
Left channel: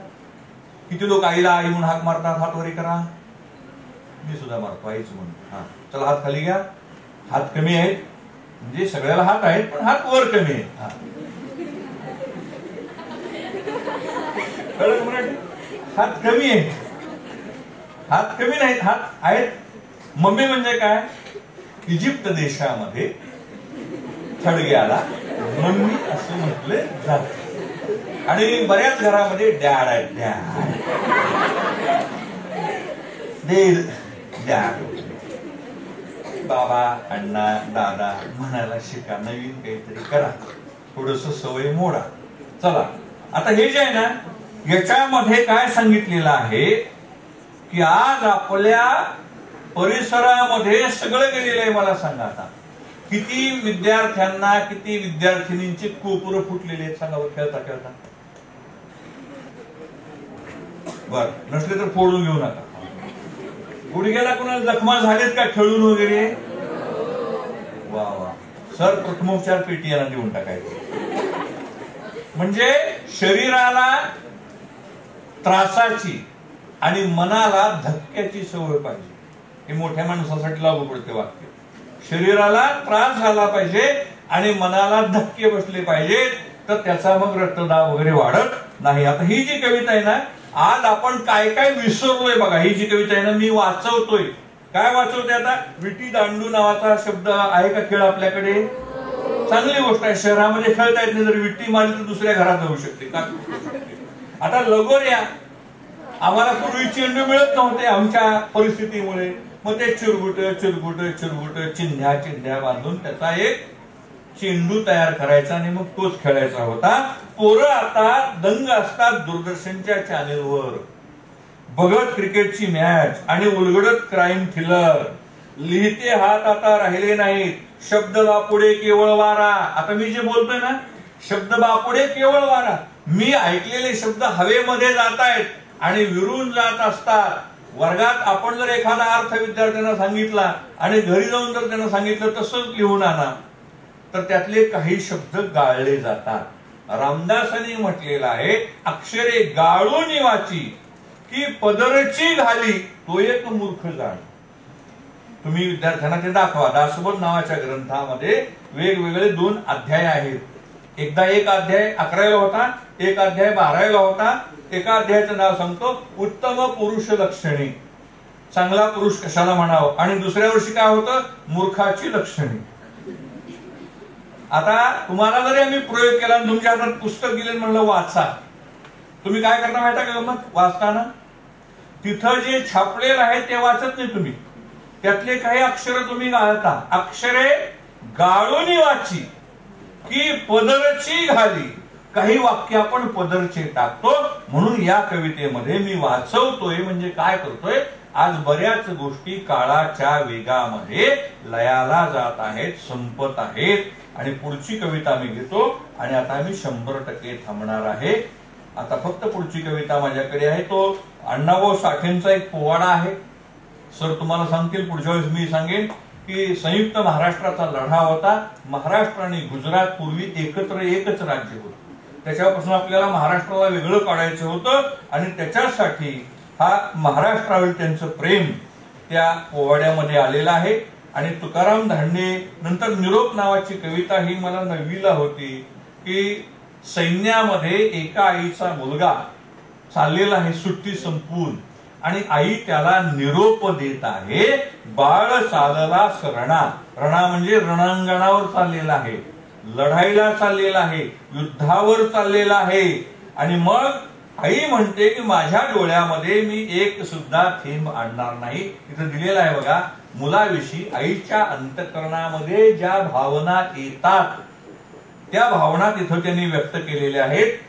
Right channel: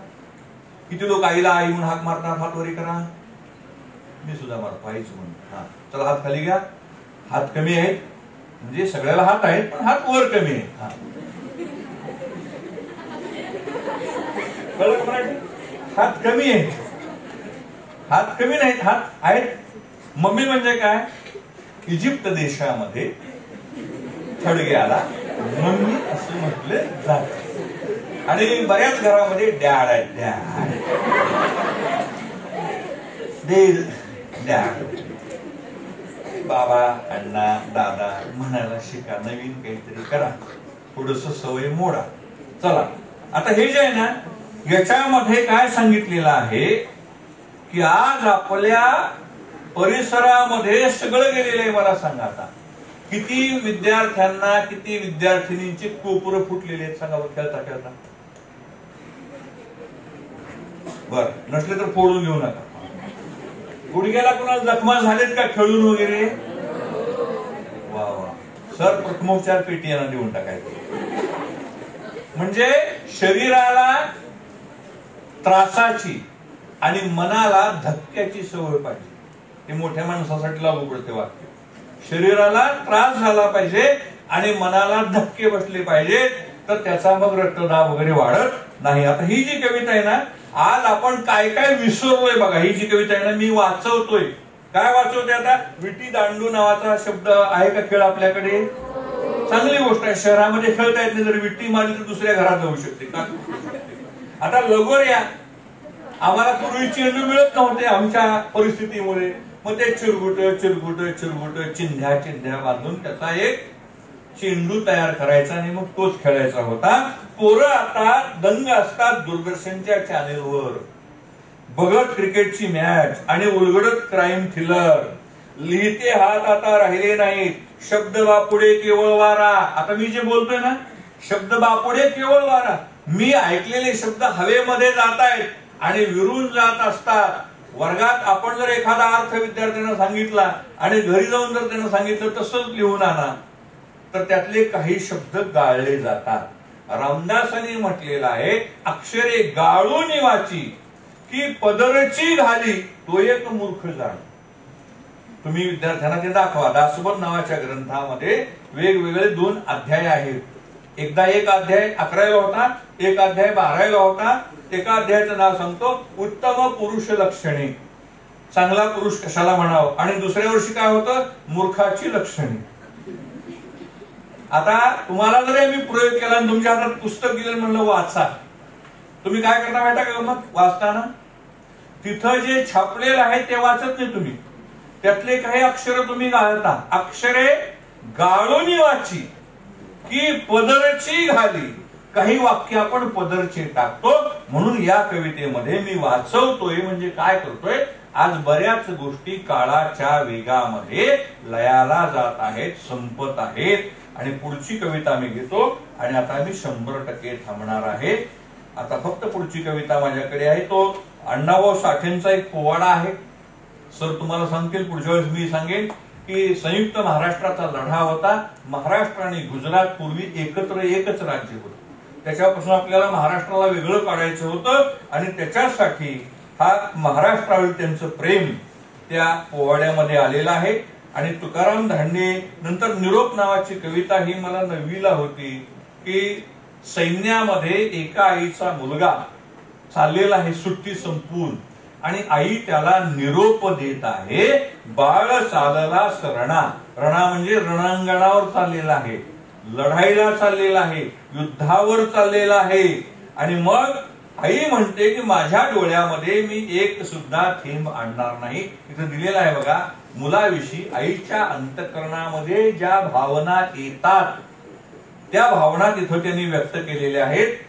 किती लोक आईला आई म्हणून हाक मारणार? हात वरी करा. मी सुद्धा मारतो आईच म्हणून. हा, चला हात खाली घ्या. हात कमी आहेत म्हणजे सगळ्याला हात आहेत, पण हात वर कमी आहेत. हात कमी आहेत, हात कमी नाहीत, हात आहेत. मम्मी म्हणजे काय? इजिप्त देशामध्ये थडग्याला निम्मी असं म्हटलं जातं. आणि बऱ्याच घरामध्ये डॅड आहेत, डॅड, बाबा, अण्णा, दादा म्हणायला शिका, नवीन काहीतरी करा, थोडस सवय मोडा. चला आता हे जे आहे ना, याच्यामध्ये काय सांगितलेलं आहे की आज आपल्या परिसरामध्ये सगळं गेलेलं आहे. मला सांगा आता किती विद्यार्थ्यांना, किती विद्यार्थिनींची कोपरं फुटलेली आहेत सांगा बरं, खेळता खेळता. बर, नसले तर फोडून घेऊ नका. गुडघ्याला कोणाला जखमा झालेत का खेळून वगैरे? वा वा, सर प्रथमोपचार पेटी यांना देऊन टाकायचं. म्हणजे शरीराला त्रासाची आणि मनाला धक्क्याची सवय पाहिजे. हे मोठ्या माणसासाठी लागू पडते वाक्य. शरीराला त्रास झाला पाहिजे आणि मनाला धक्के बसले पाहिजेत, तर त्याचा मग रक्तदाब वगैरे वाढत नाही. आता ही जी कविता आहे ना, आज आपण काय काय विसरलोय बघा. ही जी कविता आहे ना, मी वाचवतोय. काय वाचवते आता? विटी दांडू नावाचा शब्द आहे का खेळ आपल्याकडे? चांगली गोष्ट आहे. शहरामध्ये खेळता येत नाही, जर विट्टी मारली तर दुसऱ्या घरात जाऊ शकते का? आता लगोऱ्या आम्हाला पूर्वी चेंडू मिळत नव्हते आमच्या परिस्थितीमुळे. मग ते चिरगुट चिरगुट चिरगुट चिंध्या चिंध्या बांधून त्याचा एक चेंडू तयार करायचा आणि मग तोच खेळायचा होता. पोरं आता दंग असतात दूरदर्शनच्या चॅनेलवर, बघत क्रिकेटची मॅच आणि उलगडत क्राईम थ्रिलर. लिहिते हात आता राहिले नाहीत, शब्द बापुडे केवळ वारा. आता मी जे बोलतोय ना, शब्द बापुडे केवळ वारा. मी ऐकलेले शब्द हवेमध्ये जात आहेत आणि विरून जात असतात. वर्गात आपण जर एखादा अर्थ विद्यार्थ्यांना सांगितला आणि घरी जाऊन जर त्यांना सांगितलं तसंच लिहून आणा, तर त्यातले काही शब्द गाळले जातात. रामदासांनी म्हटलेलं आहे, अक्षरे गाळून वाची की पदरची घाली तो एक मूर्ख जाण. तुम्ही विद्यार्थ्यांना ते दाखवा. दासबोध नावाच्या ग्रंथामध्ये वेगवेगळे 2 अध्याय आहेत. एकदा एक अध्याय 11ला होता, एक अध्याय 12ला होता. एका अध्यायाचं नाव सांगतो, उत्तम पुरुष लक्षणे. चांगला पुरुष कशाला म्हणावं. आणि दुसऱ्या वर्षी काय होतं, मूर्खाची लक्षणे. आता तुम्हाला जरी आम्ही प्रयोग केला आणि तुमच्या हातात पुस्तक दिलं म्हणलं वाचा, तुम्ही काय करता माहिती का? मग वाचताना तिथं जे छापलेलं आहे ते वाचत नाही तुम्ही, त्यातले काही अक्षर तुम्ही गाळता. अक्षरे गाळून वाची की पदरची घाली. काही वाक्य आपण पदरचे टाकतो. म्हणून या कवितेमध्ये मी वाचवतोय म्हणजे काय करतोय, आज बऱ्याच गोष्टी काळाच्या वेगामध्ये लयाला जात आहेत, संपत आहेत. आणि पुढची कविता मी घेतो आणि आता मी 100% थांबणार आहे. आता फक्त पुढची कविता माझ्याकडे आहे. तो अण्णाभाऊ साठेंचा एक पोवाडा आहे. सर तुम्हाला सांगतील, पुढच्या वेळेस मी सांगेन की संयुक्त महाराष्ट्राचा लढा होता. महाराष्ट्र आणि गुजरात पूर्वी एकत्र एकच राज्य होतं. त्याच्यापासून आपल्याला महाराष्ट्राला वेगळं काढायचं होतं आणि त्याच्यासाठी हा महाराष्ट्रावर त्यांचं प्रेम त्या पोवाड्यामध्ये आलेलं आहे. आणि तुकाराम धांडे नंतर निरोप नावाची कविता ही मला 9वीला होती की सैन्यामध्ये एका आईचा मुलगा चाललेला आहे सुट्टी संपून आणि आई त्याला निरोप देत आहे. बाळ चालला सरणा, रणा म्हणजे रणांगणावर चाललेला आहे, लढाईला चाललेला आहे, युद्धावर चाललेला आहे. आणि मग आई म्हणते की माझ्या डोळ्यामध्ये मी एक सुद्धा थेंब आणणार नाही. इथं दिलेलं आहे बघा, मुलाविषयी आईच्या अंतःकरणामध्ये ज्या भावना येतात त्या भावना तिथं त्यांनी व्यक्त केलेल्या आहेत.